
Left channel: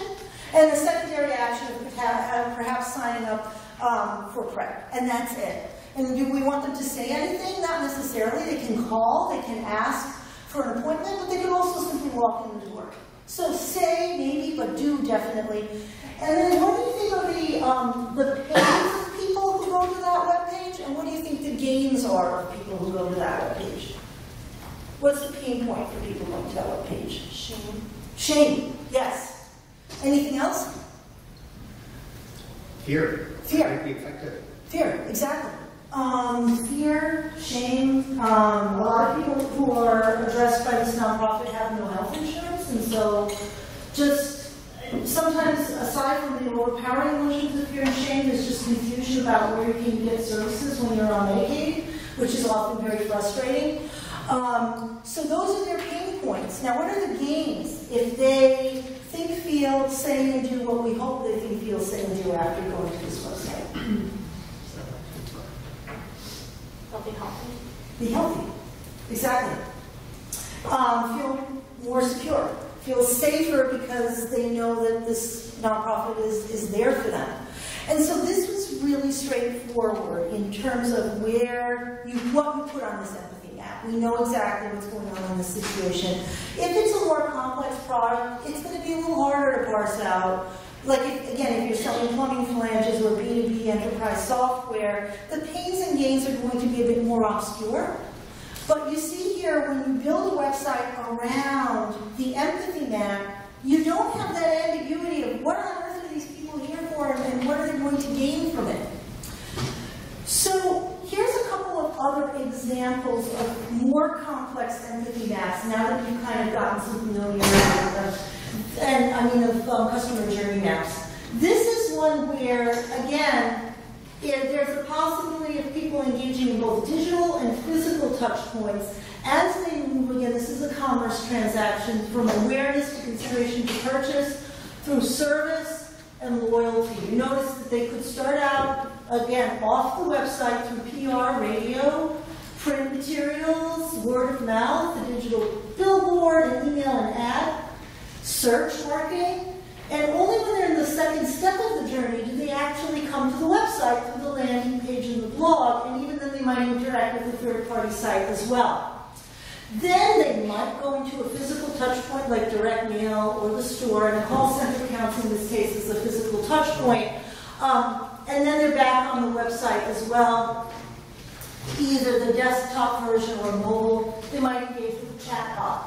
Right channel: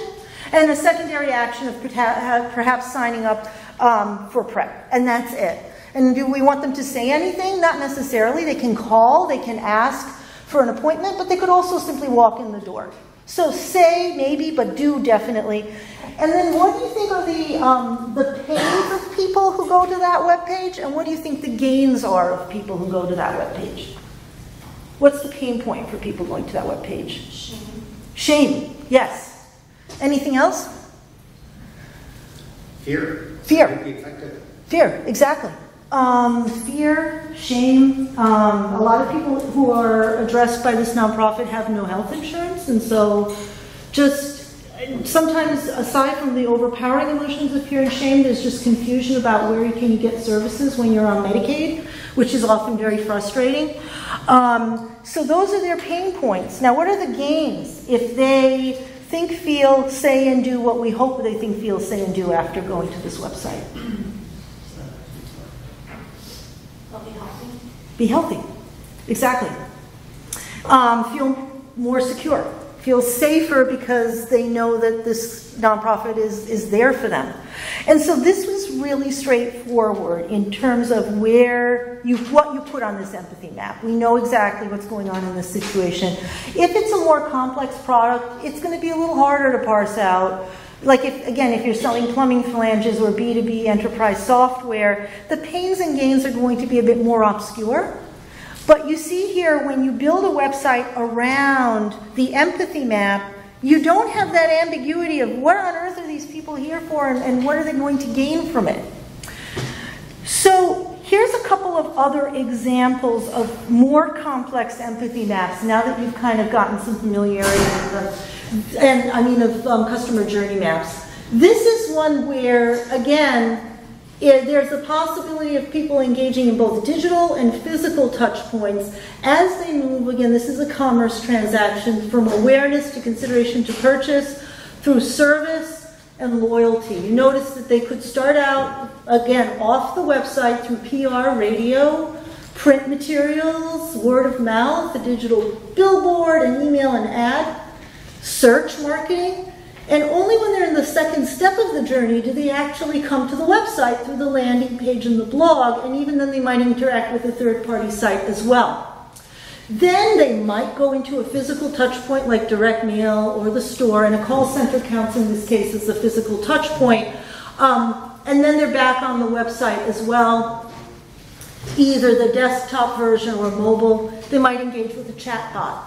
and the secondary action of perhaps signing up for PrEP, and that's it. And do we want them to say anything? Not necessarily. They can call, they can ask for an appointment, but they could also simply walk in the door. So say maybe, but do definitely. And then what do you think are the pains of people who go to that webpage? And what do you think the gains are of people who go to that webpage? What's the pain point for people going to that webpage? Shame. Shame, yes. Anything else? Fear. Fear. Might be affected. Fear, exactly. Fear, shame. A lot of people who are addressed by this nonprofit have no health insurance, and so just sometimes, aside from the overpowering emotions of fear and shame, there's just confusion about where you can get services when you're on Medicaid, which is often very frustrating. So those are their pain points. Now, what are the gains if they think, feel, say, and do what we hope they think, feel, say, and do after going to this website? Be healthy. Be healthy, exactly. Feel more secure, feel safer because they know that this nonprofit is there for them. And so this was really straightforward in terms of what you put on this empathy map. We know exactly what's going on in this situation. If it's a more complex product, it's going to be a little harder to parse out. Like, if you're selling plumbing flanges or B2B enterprise software, the pains and gains are going to be a bit more obscure. But you see here, when you build a website around the empathy map, you don't have that ambiguity of what on earth are these people here for and what are they going to gain from it. So here's a couple of other examples of more complex empathy maps, now that you've kind of gotten some familiarity with them. Of customer journey maps. This is one where, again, there's the possibility of people engaging in both digital and physical touch points as they move. Again, this is a commerce transaction from awareness to consideration to purchase through service and loyalty. You notice that they could start out, again, off the website through PR, radio, print materials, word of mouth, a digital billboard, an email and ad, search marketing, and only when they're in the second step of the journey do they actually come to the website through the landing page and the blog, and even then they might interact with a third-party site as well. Then they might go into a physical touch point like direct mail or the store, and a call center counts in this case as the physical touch point. And then they're back on the website as well, either the desktop version or mobile. They might engage with the chatbot.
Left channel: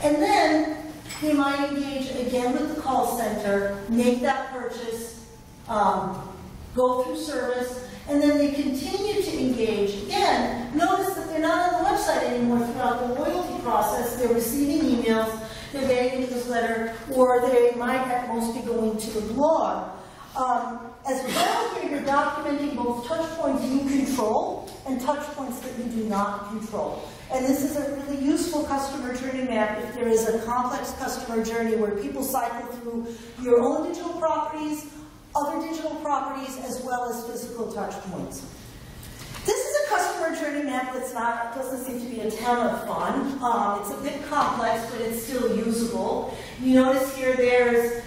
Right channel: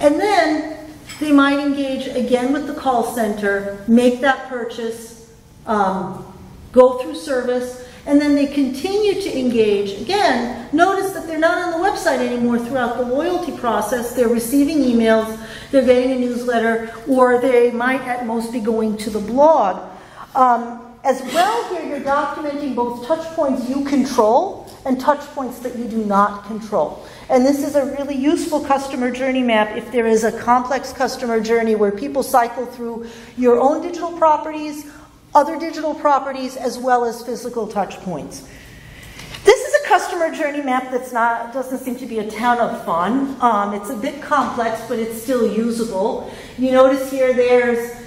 And then they might engage again with the call center, make that purchase, go through service, and then they continue to engage. Again, notice that they're not on the website anymore throughout the loyalty process. They're receiving emails, they're getting a newsletter, or they might at most be going to the blog. as well, here you're documenting both touch points you control and touch points that you do not control. And this is a really useful customer journey map if there is a complex customer journey where people cycle through your own digital properties, other digital properties, as well as physical touch points. This is a customer journey map doesn't seem to be a ton of fun. It's a bit complex, but it's still usable. You notice here there's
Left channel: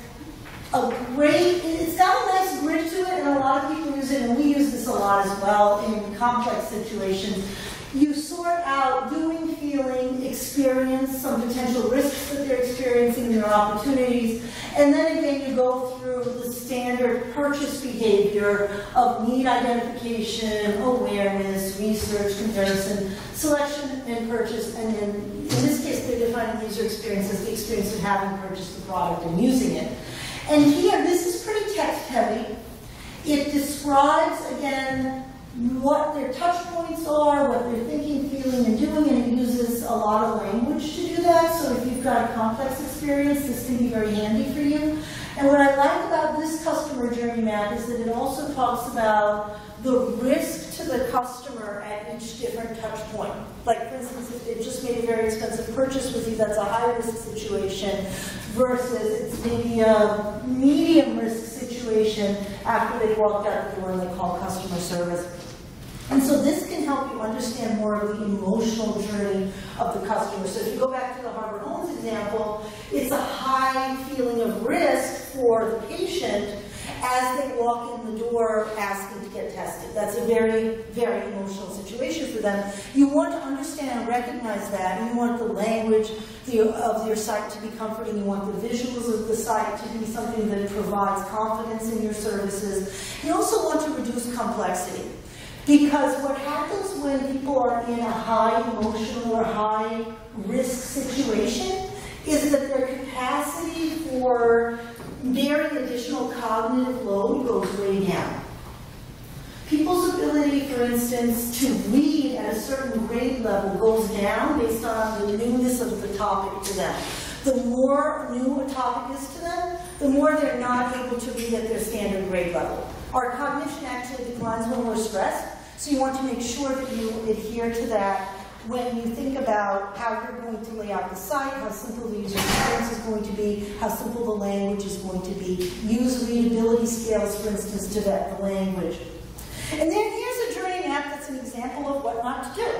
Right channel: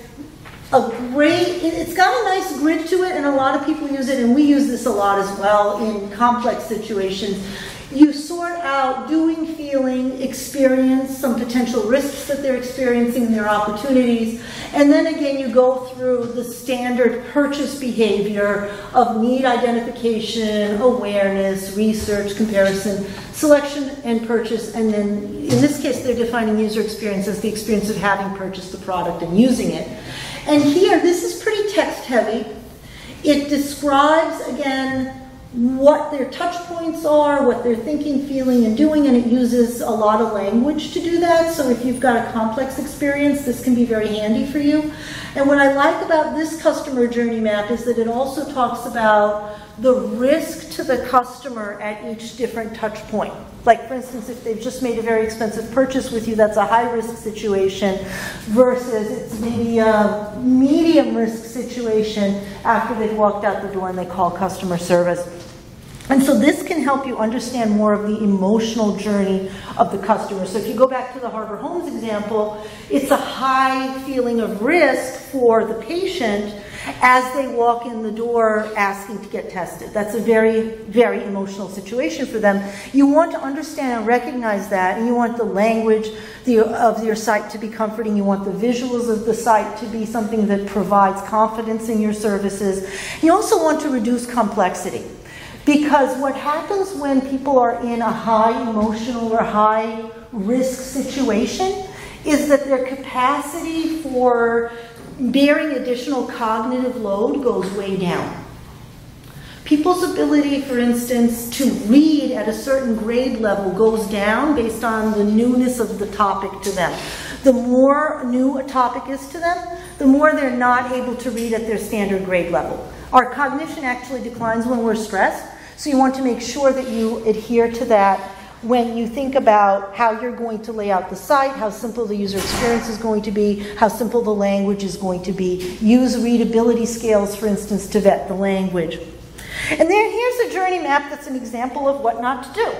it's got a nice grid to it, and a lot of people use it, and we use this a lot as well in complex situations. You sort out doing, feeling, experience, some potential risks that they're experiencing, their opportunities, and then again you go through the standard purchase behavior of need identification, awareness, research, comparison, selection, and purchase, and then in this case they're defining user experience as the experience of having purchased the product and using it. And here, this is pretty text heavy. It describes, again, what their touch points are, what they're thinking, feeling, and doing, and it uses a lot of language to do that. So if you've got a complex experience, this can be very handy for you. And what I like about this customer journey map is that it also talks about the risk to the customer at each different touch point. Like, for instance, if they've just made a very expensive purchase with you, that's a high-risk situation, versus it's maybe a medium-risk situation after they've walked out the door and they call customer service. And so this can help you understand more of the emotional journey of the customer. So if you go back to the Harbor Homes example, it's a high feeling of risk for the patient as they walk in the door asking to get tested. That's a very, very emotional situation for them. You want to understand and recognize that, and you want the language of your site to be comforting. You want the visuals of the site to be something that provides confidence in your services. You also want to reduce complexity. Because what happens when people are in a high emotional or high risk situation is that their capacity for bearing additional cognitive load goes way down. People's ability, for instance, to read at a certain grade level goes down based on the newness of the topic to them. The more new a topic is to them, the more they're not able to read at their standard grade level. Our cognition actually declines when we're stressed, so you want to make sure that you adhere to that when you think about how you're going to lay out the site, how simple the user experience is going to be, how simple the language is going to be. Use readability scales, for instance, to vet the language. And then here's a journey map that's an example of what not to do.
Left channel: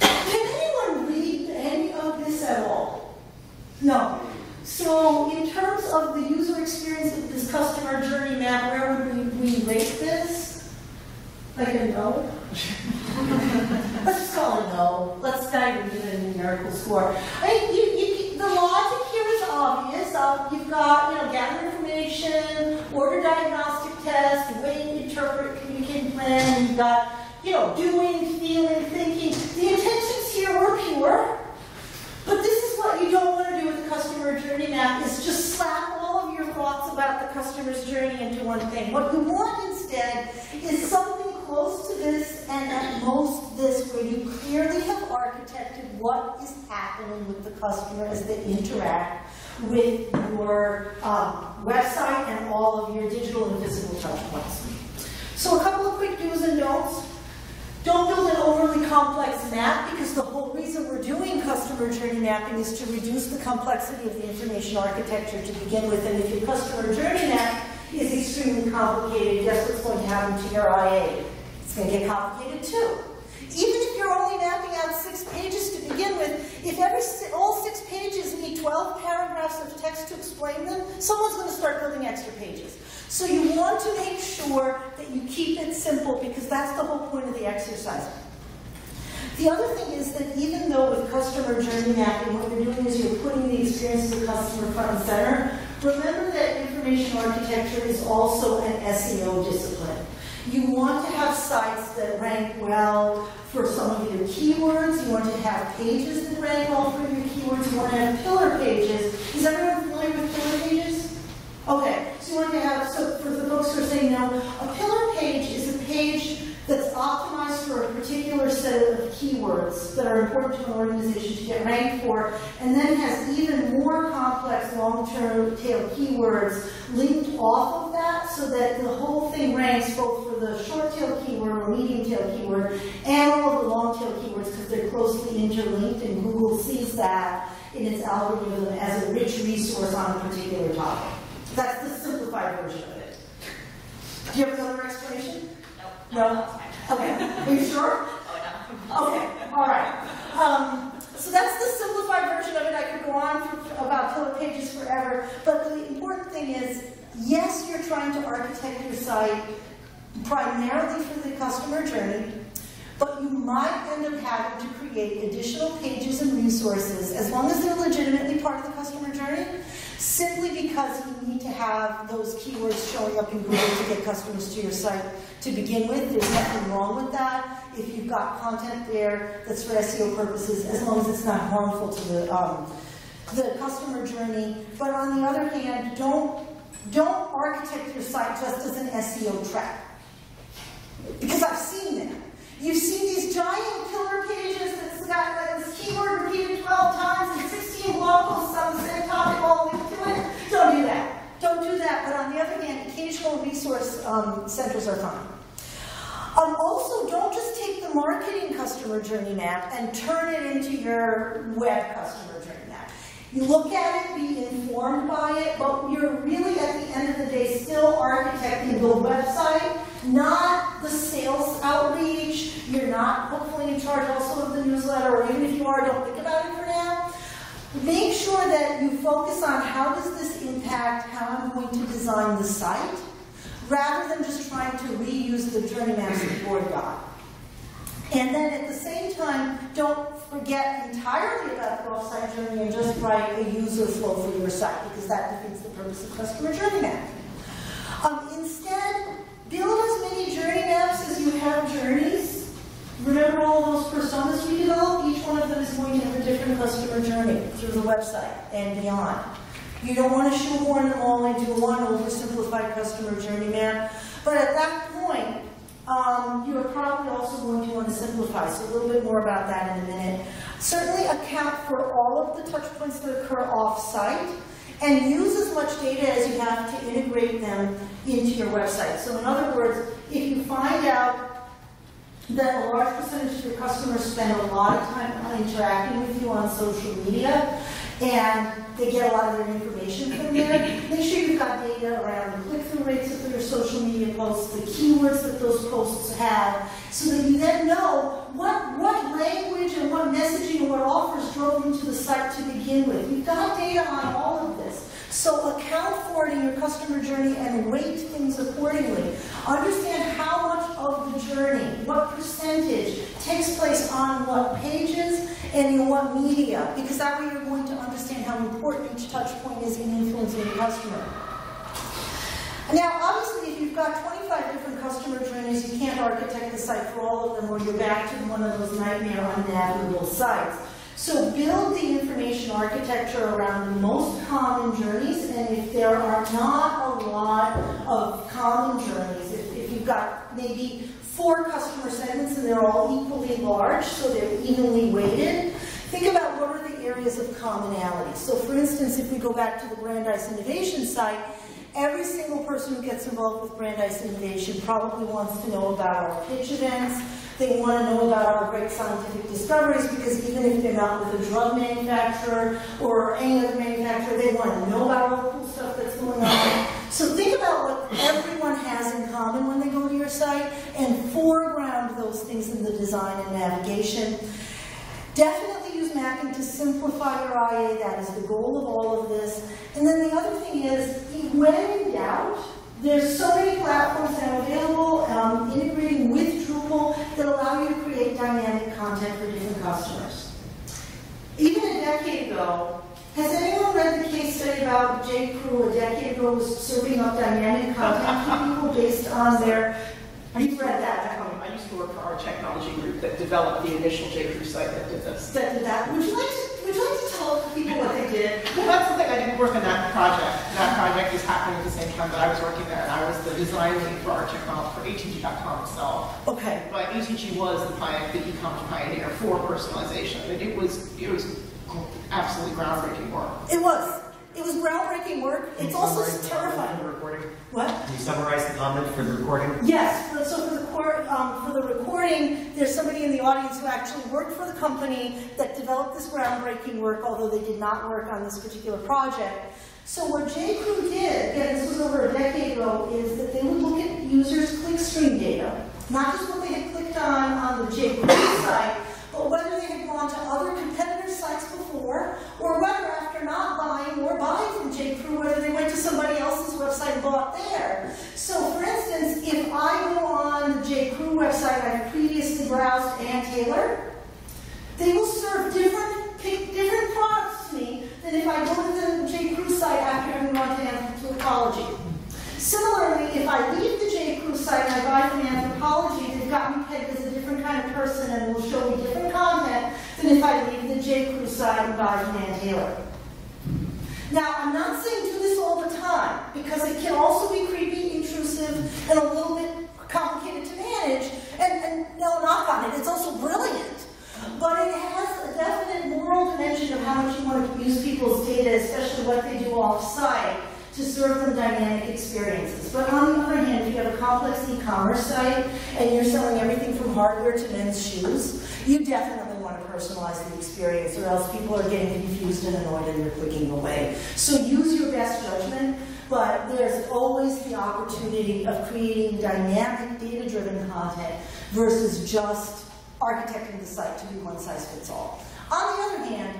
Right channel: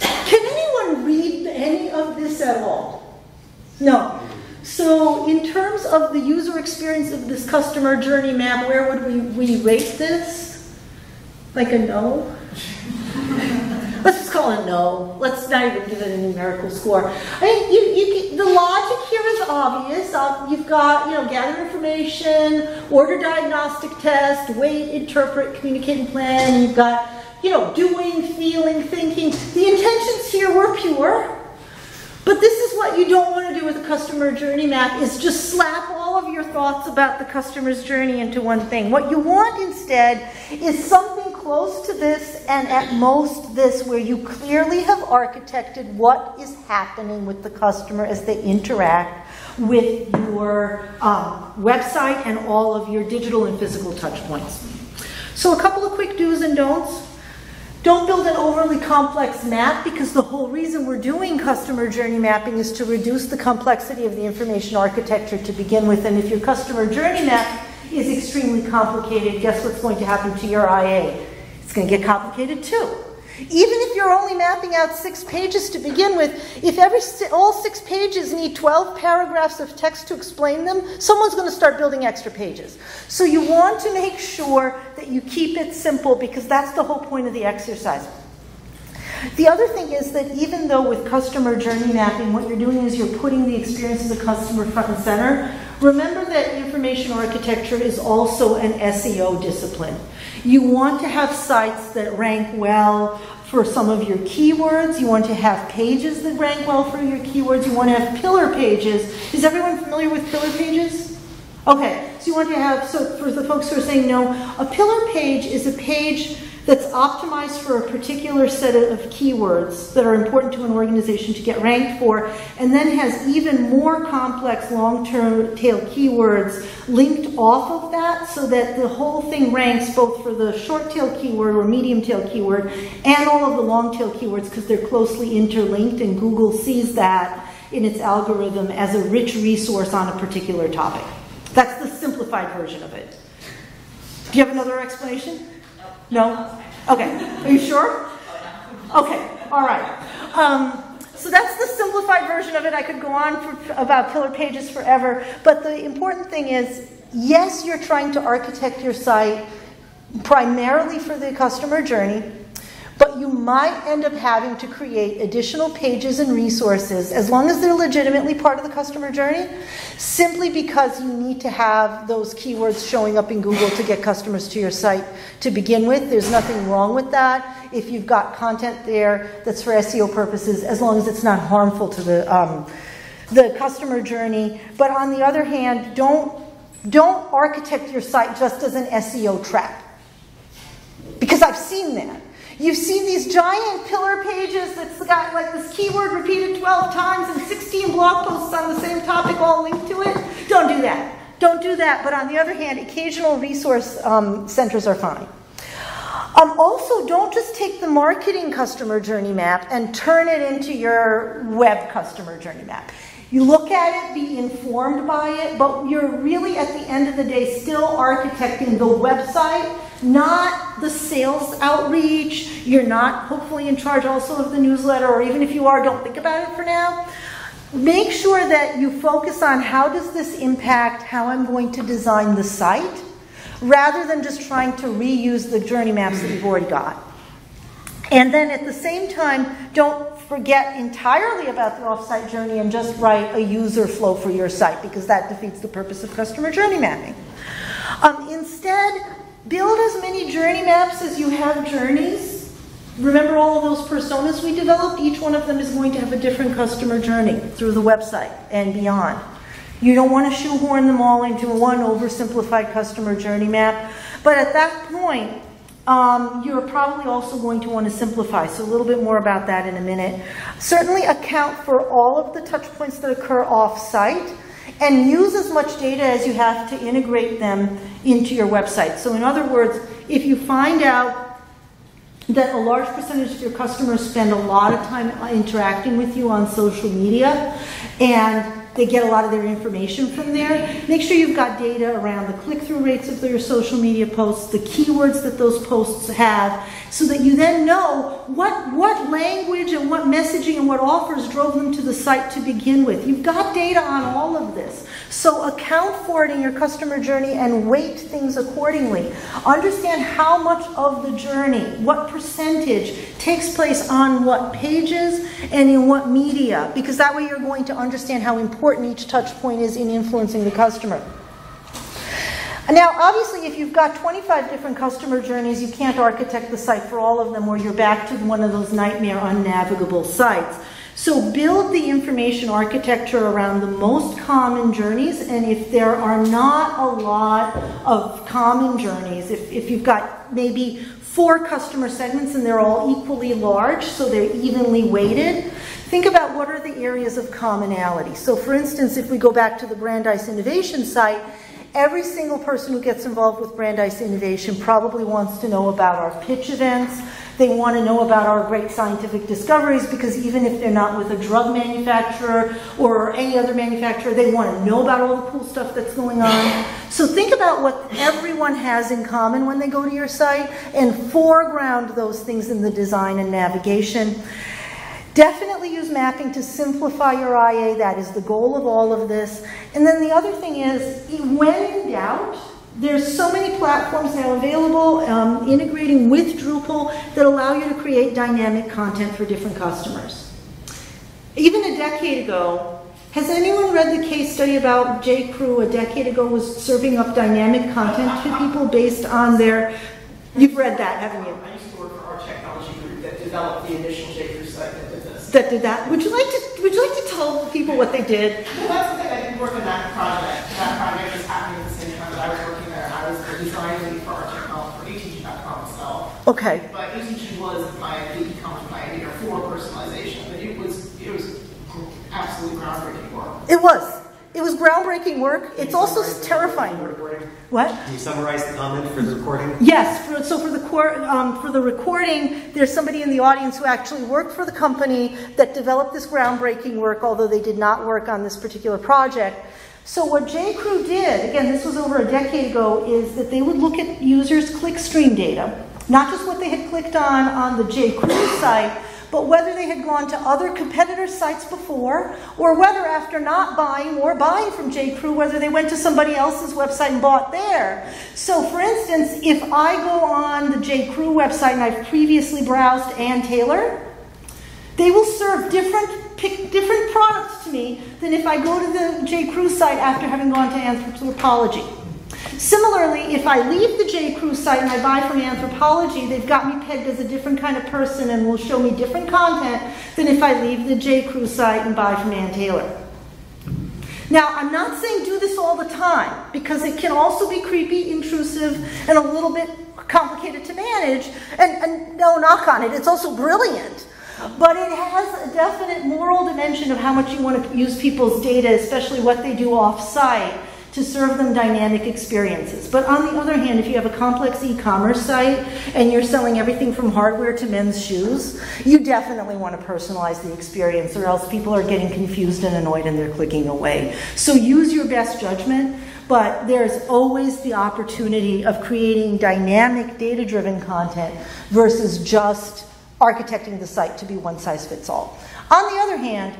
Can anyone read any of this at all? No. So in terms of the user experience of this customer journey map, where would we rate this? Like a no? Let's just call it a no. Let's not even give it a numerical score. I mean, the logic here is obvious. You've got, gather information, order diagnostic test, wait, interpret, communicate, and plan. You've got, doing, feeling, thinking. The intentions here were pure. But this is what you don't want to do with a customer journey map, is just slap all of your thoughts about the customer's journey into one thing. What you want instead is something close to this, and at most this, where you clearly have architected what is happening with the customer as they interact with your website and all of your digital and physical touch points. So a couple of quick do's and don'ts. Don't build an overly complex map, because the whole reason we're doing customer journey mapping is to reduce the complexity of the information architecture to begin with. And if your customer journey map is extremely complicated, guess what's going to happen to your IA? It's going to get complicated too. Even if you're only mapping out 6 pages to begin with, if all 6 pages need 12 paragraphs of text to explain them, someone's going to start building extra pages. So you want to make sure that you keep it simple, because that's the whole point of the exercise. The other thing is that even though with customer journey mapping, what you're doing is you're putting the experience of the customer front and center, remember that information architecture is also an SEO discipline. You want to have sites that rank well for some of your keywords. You want to have pages that rank well for your keywords. You want to have pillar pages. Is everyone familiar with pillar pages? Okay, so you want to have, so for the folks who are saying no, a pillar page is a page that's optimized for a particular set of keywords that are important to an organization to get ranked for, and then has even more complex long-term tail keywords linked off of that so that the whole thing ranks both for the short tail keyword or medium tail keyword and all of the long tail keywords because they're closely interlinked, and Google sees that in its algorithm as a rich resource on a particular topic. That's the simplified version of it. Do you have another explanation? No? Okay. Are you sure? Okay. All right. So that's the simplified version of it. I could go on for about pillar pages forever. But the important thing is, yes, you're trying to architect your site primarily for the customer journey, but you might end up having to create additional pages and resources, as long as they're legitimately part of the customer journey, simply because you need to have those keywords showing up in Google to get customers to your site to begin with. There's nothing wrong with that if you've got content there that's for SEO purposes, as long as it's not harmful to the customer journey. But on the other hand, don't architect your site just as an SEO trap, because I've seen that. You've seen these giant pillar pages that's got like this keyword repeated 12 times and 16 blog posts on the same topic all linked to it. Don't do that. Don't do that. But on the other hand, occasional resource centers are fine. Also, don't just take the marketing customer journey map and turn it into your web customer journey map. You look at it, be informed by it, but you're really, at the end of the day, still architecting the website, not the sales outreach. You're not hopefully in charge also of the newsletter, or even if you are, don't think about it for now. Make sure that you focus on how does this impact how I'm going to design the site, rather than just trying to reuse the journey maps that you've already got. And then at the same time, don't forget entirely about the offsite journey and just write a user flow for your site, because that defeats the purpose of customer journey mapping. Instead, build as many journey maps as you have journeys. Remember all of those personas we developed? Each one of them is going to have a different customer journey through the website and beyond. You don't want to shoehorn them all into one oversimplified customer journey map. But at that point, you're probably also going to want to simplify. So a little bit more about that in a minute. Certainly account for all of the touch points that occur off-site, and use as much data as you have to integrate them into your website. So in other words, if you find out that a large percentage of your customers spend a lot of time interacting with you on social media, and they get a lot of their information from there, make sure you've got data around the click-through rates of your social media posts, the keywords that those posts have, so that you then know what language and what messaging and what offers drove them to the site to begin with. You've got data on all of this. So account for it in your customer journey and weight things accordingly. Understand how much of the journey, what percentage takes place on what pages and in what media, because that way you're going to understand how important each touch point is in influencing the customer. Now, obviously, if you've got 25 different customer journeys, you can't architect the site for all of them, or you're back to one of those nightmare unnavigable sites. So build the information architecture around the most common journeys, and if there are not a lot of common journeys, if you've got maybe 4 customer segments and they're all equally large, so they're evenly weighted, think about what are the areas of commonality. So for instance, if we go back to the Brandeis Innovation site, every single person who gets involved with Brandeis Innovation probably wants to know about our pitch events. They want to know about our great scientific discoveries, because even if they're not with a drug manufacturer or any other manufacturer, they want to know about all the cool stuff that's going on. So think about what everyone has in common when they go to your site and foreground those things in the design and navigation. Definitely use mapping to simplify your IA. That is the goal of all of this. And then the other thing is, when in doubt, there's so many platforms now available, integrating with Drupal, that allow you to create dynamic content for different customers. Even a decade ago, has anyone read the case study about J. Crew a decade ago was serving up dynamic content to people based on their... You've read that, haven't you? I used to work for our technology group that developed the initial J. Crew site that did this. That did that? Would you like to tell people what they did? Well, that's the thing. I didn't work on that project. That project was happening at the same time that I was working there, and I was the design lead for our technology, for ATG.com. So Okay. But UTG was the e-commerce pioneer for personalization. I mean, it was absolutely groundbreaking work. It was. It was groundbreaking work. It's also terrifying work. What? Can you summarize the comment for the recording? Yes. So for the recording, there's somebody in the audience who actually worked for the company that developed this groundbreaking work, although they did not work on this particular project. So what J.Crew did, again, this was over a decade ago, is that they would look at users' clickstream data, not just what they had clicked on the J.Crew site, but whether they had gone to other competitor sites before, or whether after not buying or buying from J.Crew, whether they went to somebody else's website and bought there. So for instance, if I go on the J.Crew website and I've previously browsed Ann Taylor, they will serve different products to me than if I go to the J.Crew site after having gone to Anthropology. Similarly, if I leave the J.Crew site and I buy from Anthropology, they've got me pegged as a different kind of person and will show me different content than if I leave the J.Crew site and buy from Ann Taylor. Now, I'm not saying do this all the time, because it can also be creepy, intrusive, and a little bit complicated to manage, and no knock on it, it's also brilliant. But it has a definite moral dimension of how much you want to use people's data, especially what they do off-site, to serve them dynamic experiences. But on the other hand, if you have a complex e-commerce site and you're selling everything from hardware to men's shoes, you definitely want to personalize the experience, or else people are getting confused and annoyed and they're clicking away. So use your best judgment, but there's always the opportunity of creating dynamic, data-driven content versus just architecting the site to be one size fits all. On the other hand,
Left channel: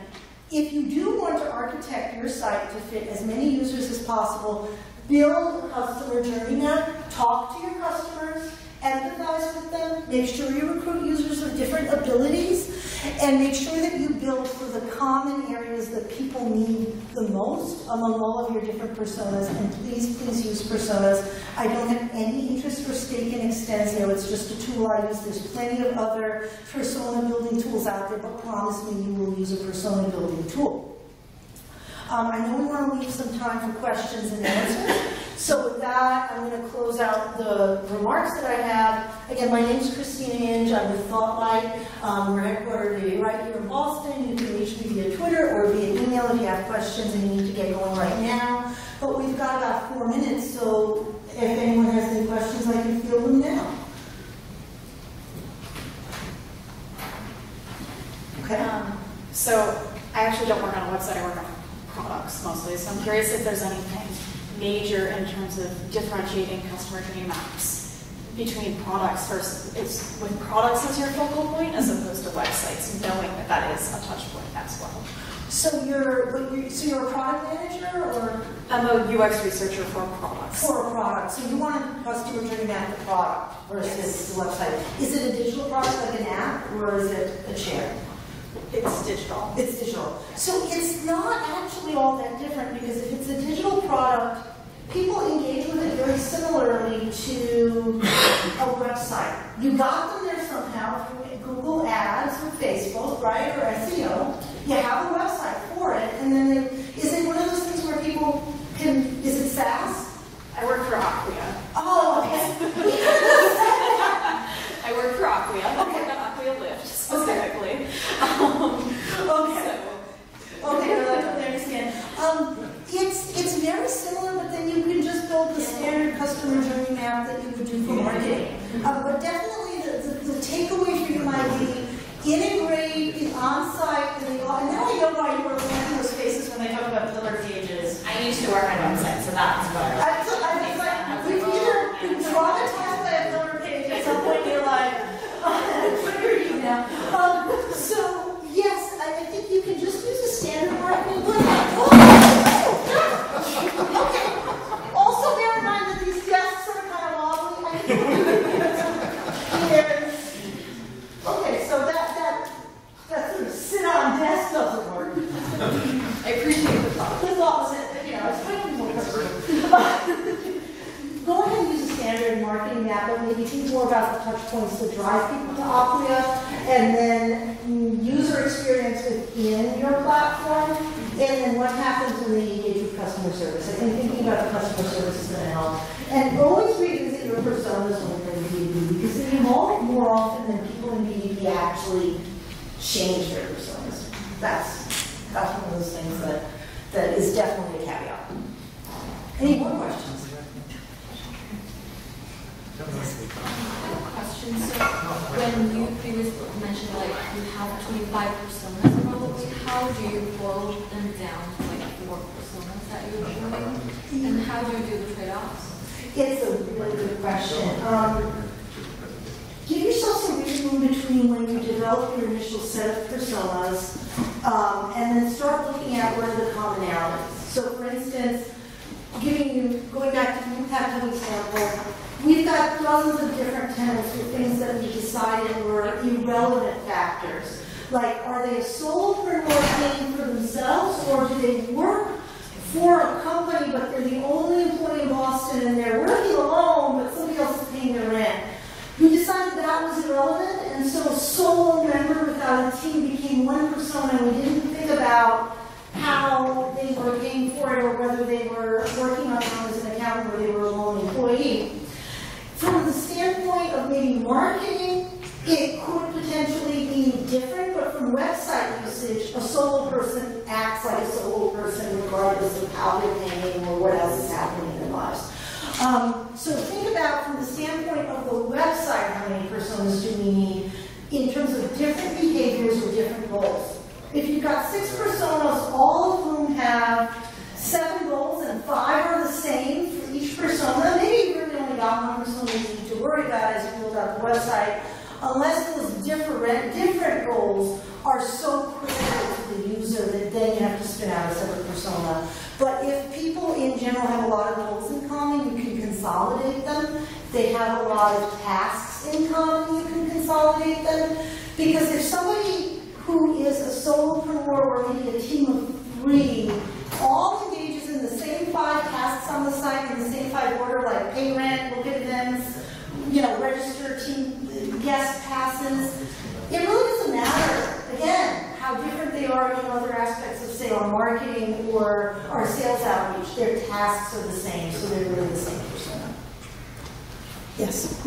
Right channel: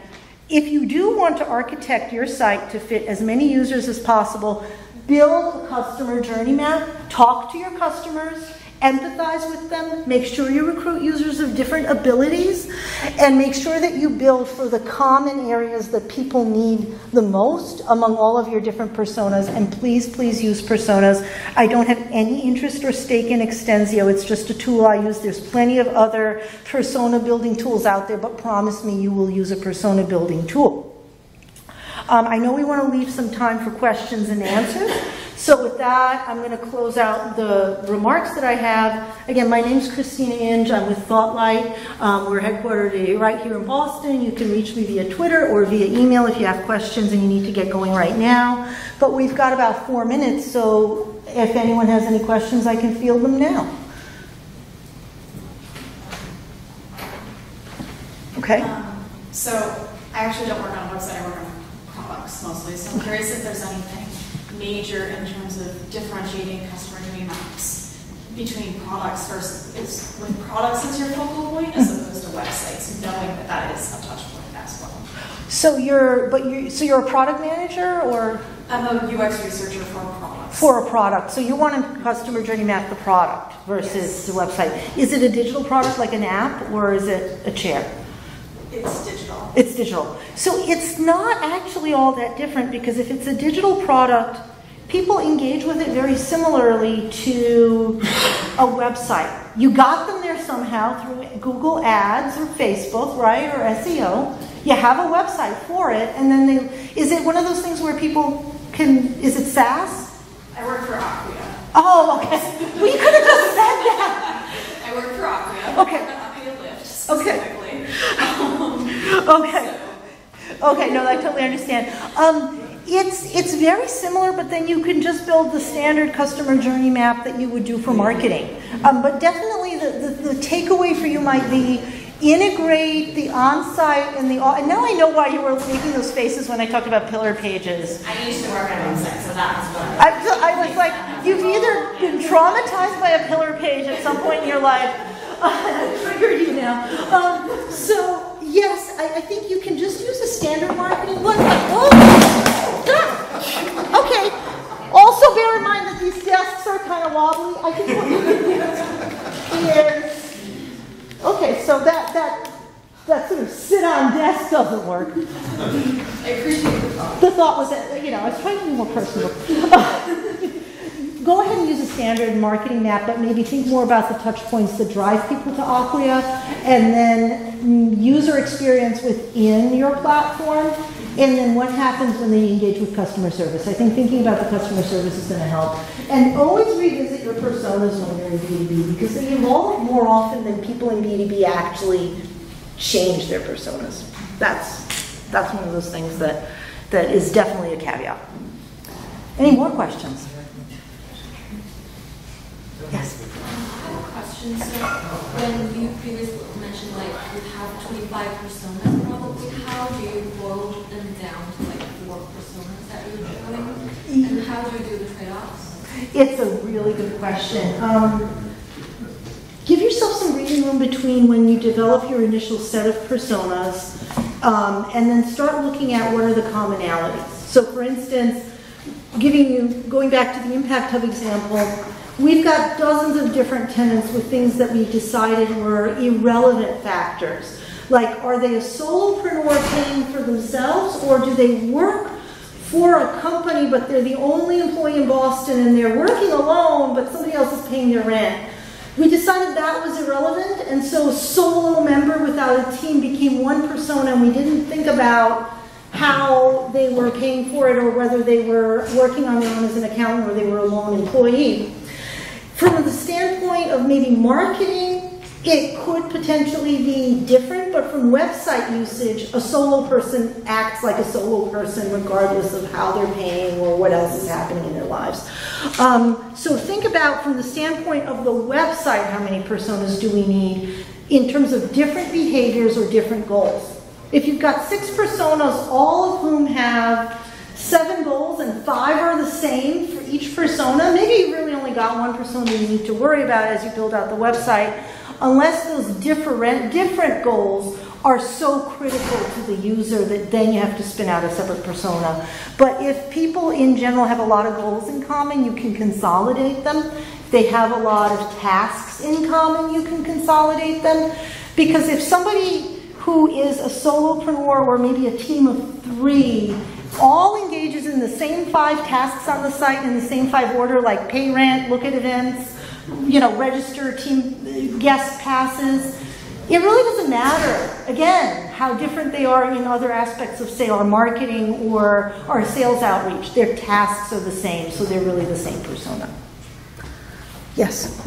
if you do want to architect your site to fit as many users as possible, build a customer journey map, talk to your customers, empathize with them, make sure you recruit users of different abilities, and make sure that you build for the common areas that people need the most among all of your different personas. And please, please use personas. I don't have any interest or stake in Extensio. It's just a tool I use. There's plenty of other persona building tools out there, but promise me you will use a persona building tool. I know we want to leave some time for questions and answers. So with that, I'm going to close out the remarks that I have. Again, my name is Christina Inge. I'm with ThoughtLight. We're headquartered right here in Boston. You can reach me via Twitter or via email if you have questions and you need to get going right now. But we've got about 4 minutes, so if anyone has any questions, I can field them now. Okay? So I actually don't work on a website. I work on products mostly. So I'm curious if there's anything major in terms of differentiating customer journey maps between products versus with products as your focal point as opposed to websites, knowing that that is a touch point as well. So you're a product manager, or? I'm a UX researcher for products. For a product. So you want to customer journey map the product versus the website. Is it a digital product like an app, or is it a chair? It's digital. It's digital. So it's not actually all that different, because if it's a digital product, people engage with it very similarly to a website. You got them there somehow through Google Ads or Facebook, right, or SEO. You have a website for it, and then is it one of those things where people can, is it SaaS? I work for Acquia. Oh, okay. We could have just said that. I work for Acquia. Okay. The Acquia Lift specifically. Okay. Okay, no, I totally understand. It's very similar, but then you can just build the standard customer journey map that you would do for marketing. But definitely the takeaway for you might be integrate the on-site and the and now I know why you were making those faces when I talked about pillar pages. I used to work on a website, so that's what I was like, you've either been traumatized by a pillar page at some point in your life. I triggered you now. So yes, I think you can just use a standard marketing one. Okay. Also bear in mind that these desks are kind of wobbly. I can put here. Okay, so that sort of sit-on desk doesn't work. I appreciate the thought. The thought was that, I was trying to be more personal. Go ahead and use a standard marketing map, but maybe think more about the touch points that drive people to Acquia, and then user experience within your platform. And then what happens when they engage with customer service? I think thinking about the customer service is going to help. And always revisit your personas when you're in B2B, because they evolve more often than people in B2B actually change their personas. That's one of those things that is definitely a caveat. Any more questions? Yes. I have a question. So when you previously mentioned like you have 25 personas probably, how do you boil them down to like 4 personas that you're doing? And how do you do the trade-offs? It's a really good question. Give yourself some reading room between when you develop your initial set of personas and then start looking at what are the commonalities. So for instance, going back to the Impact Hub example, we've got dozens of different tenants with things that we decided were irrelevant factors. Like, are they a solopreneur paying for themselves, or do they work for a company but they're the only employee in Boston and they're working alone but somebody else is paying their rent? We decided that was irrelevant, and so a solo member without a team became one persona, and we didn't think about how they were paying for it or whether they were working on their own as an accountant or they were a lone employee. From the standpoint of maybe marketing, it could potentially be different, but from website usage, a solo person acts like a solo person regardless of how they're paying or what else is happening in their lives. So think about, from the standpoint of the website, how many personas do we need in terms of different behaviors or different goals. If you've got 6 personas, all of whom have 7 goals and 5 are the same for each persona, maybe you really only got 1 persona you need to worry about as you build out the website, unless those different goals are so critical to the user that then you have to spin out a separate persona. But if people in general have a lot of goals in common, you can consolidate them. If they have a lot of tasks in common, you can consolidate them. Because if somebody who is a solopreneur or maybe a team of 3 all engages in the same 5 tasks on the site in the same 5 order, like pay rent, look at events, register team guest passes, it really doesn't matter, again, how different they are in other aspects of, say, our marketing or our sales outreach. Their tasks are the same, so they're really the same persona. Yes?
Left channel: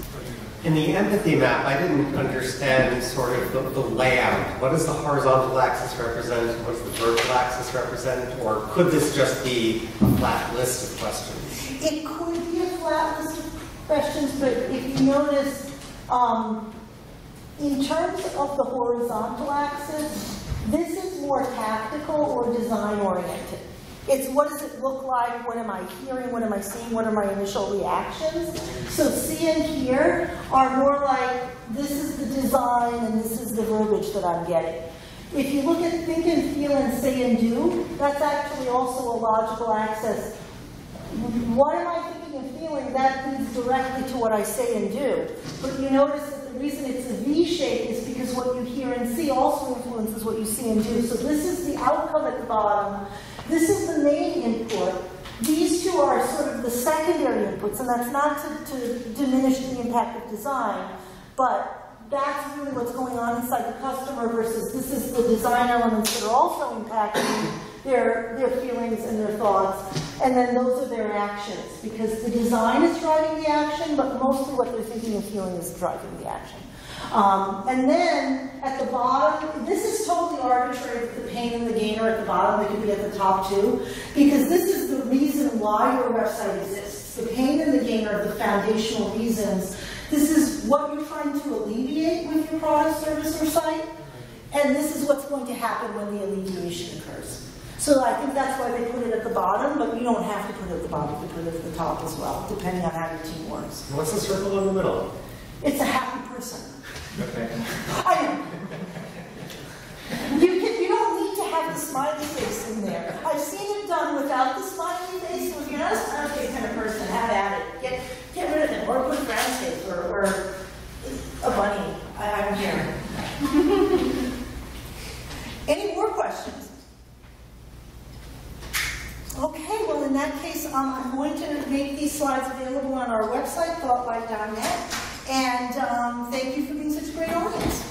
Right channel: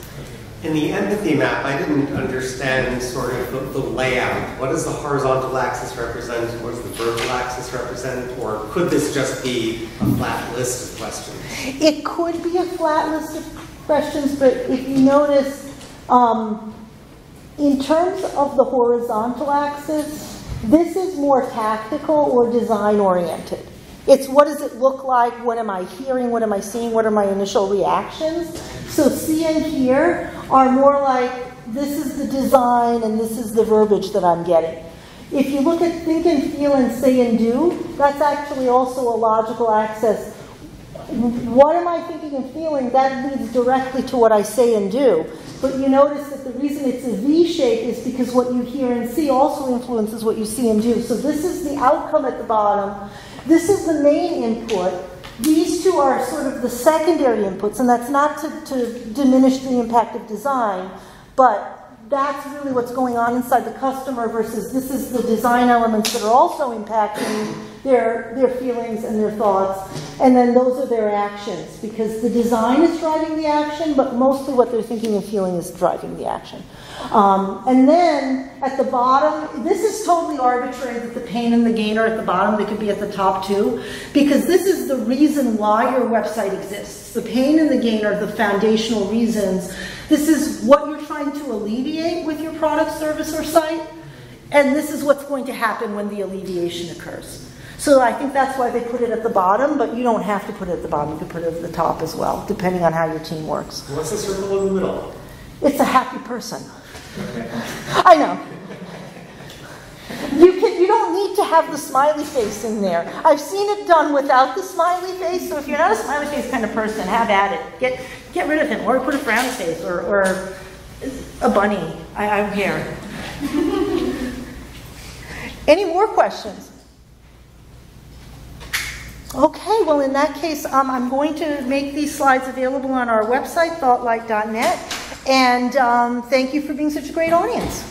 In the empathy map, I didn't understand sort of the layout. What does the horizontal axis represent? What does the vertical axis represent? Or could this just be a flat list of questions? It could be a flat list of questions, but if you notice, in terms of the horizontal axis, this is more tactical or design-oriented. It's what does it look like, what am I hearing, what am I seeing, what are my initial reactions? So C and here are more like, this is the design and this is the verbiage that I'm getting. If you look at think and feel and say and do, that's actually also a logical axis. What am I thinking and feeling? That leads directly to what I say and do. But you notice that the reason it's a V shape is because what you hear and see also influences what you see and do. So this is the outcome at the bottom. This is the main input. These 2 are sort of the secondary inputs, and that's not to diminish the impact of design, but that's really what's going on inside the customer versus this is the design elements that are also impacting their feelings and their thoughts, and then those are their actions, because the design is driving the action, but mostly what they're thinking and feeling is driving the action. And then at the bottom, this is totally arbitrary that the pain and the gain are at the bottom. They can be at the top too, because this is the reason why your website exists. The pain and the gain are the foundational reasons. This is what you're trying to alleviate with your product, service, or site, and this is what's going to happen when the alleviation occurs. So I think that's why they put it at the bottom, but you don't have to put it at the bottom. You can put it at the top as well, depending on how your team works. What's the circle in the middle? It's a happy person. Okay. I know. You don't need to have the smiley face in there. I've seen it done without the smiley face, so if you're not a smiley face kind of person, have at it. Get rid of him, or put a frown face, or a bunny. I'm here. Any more questions? Okay, well in that case, I'm going to make these slides available on our website, thoughtlight.net, and thank you for being such a great audience.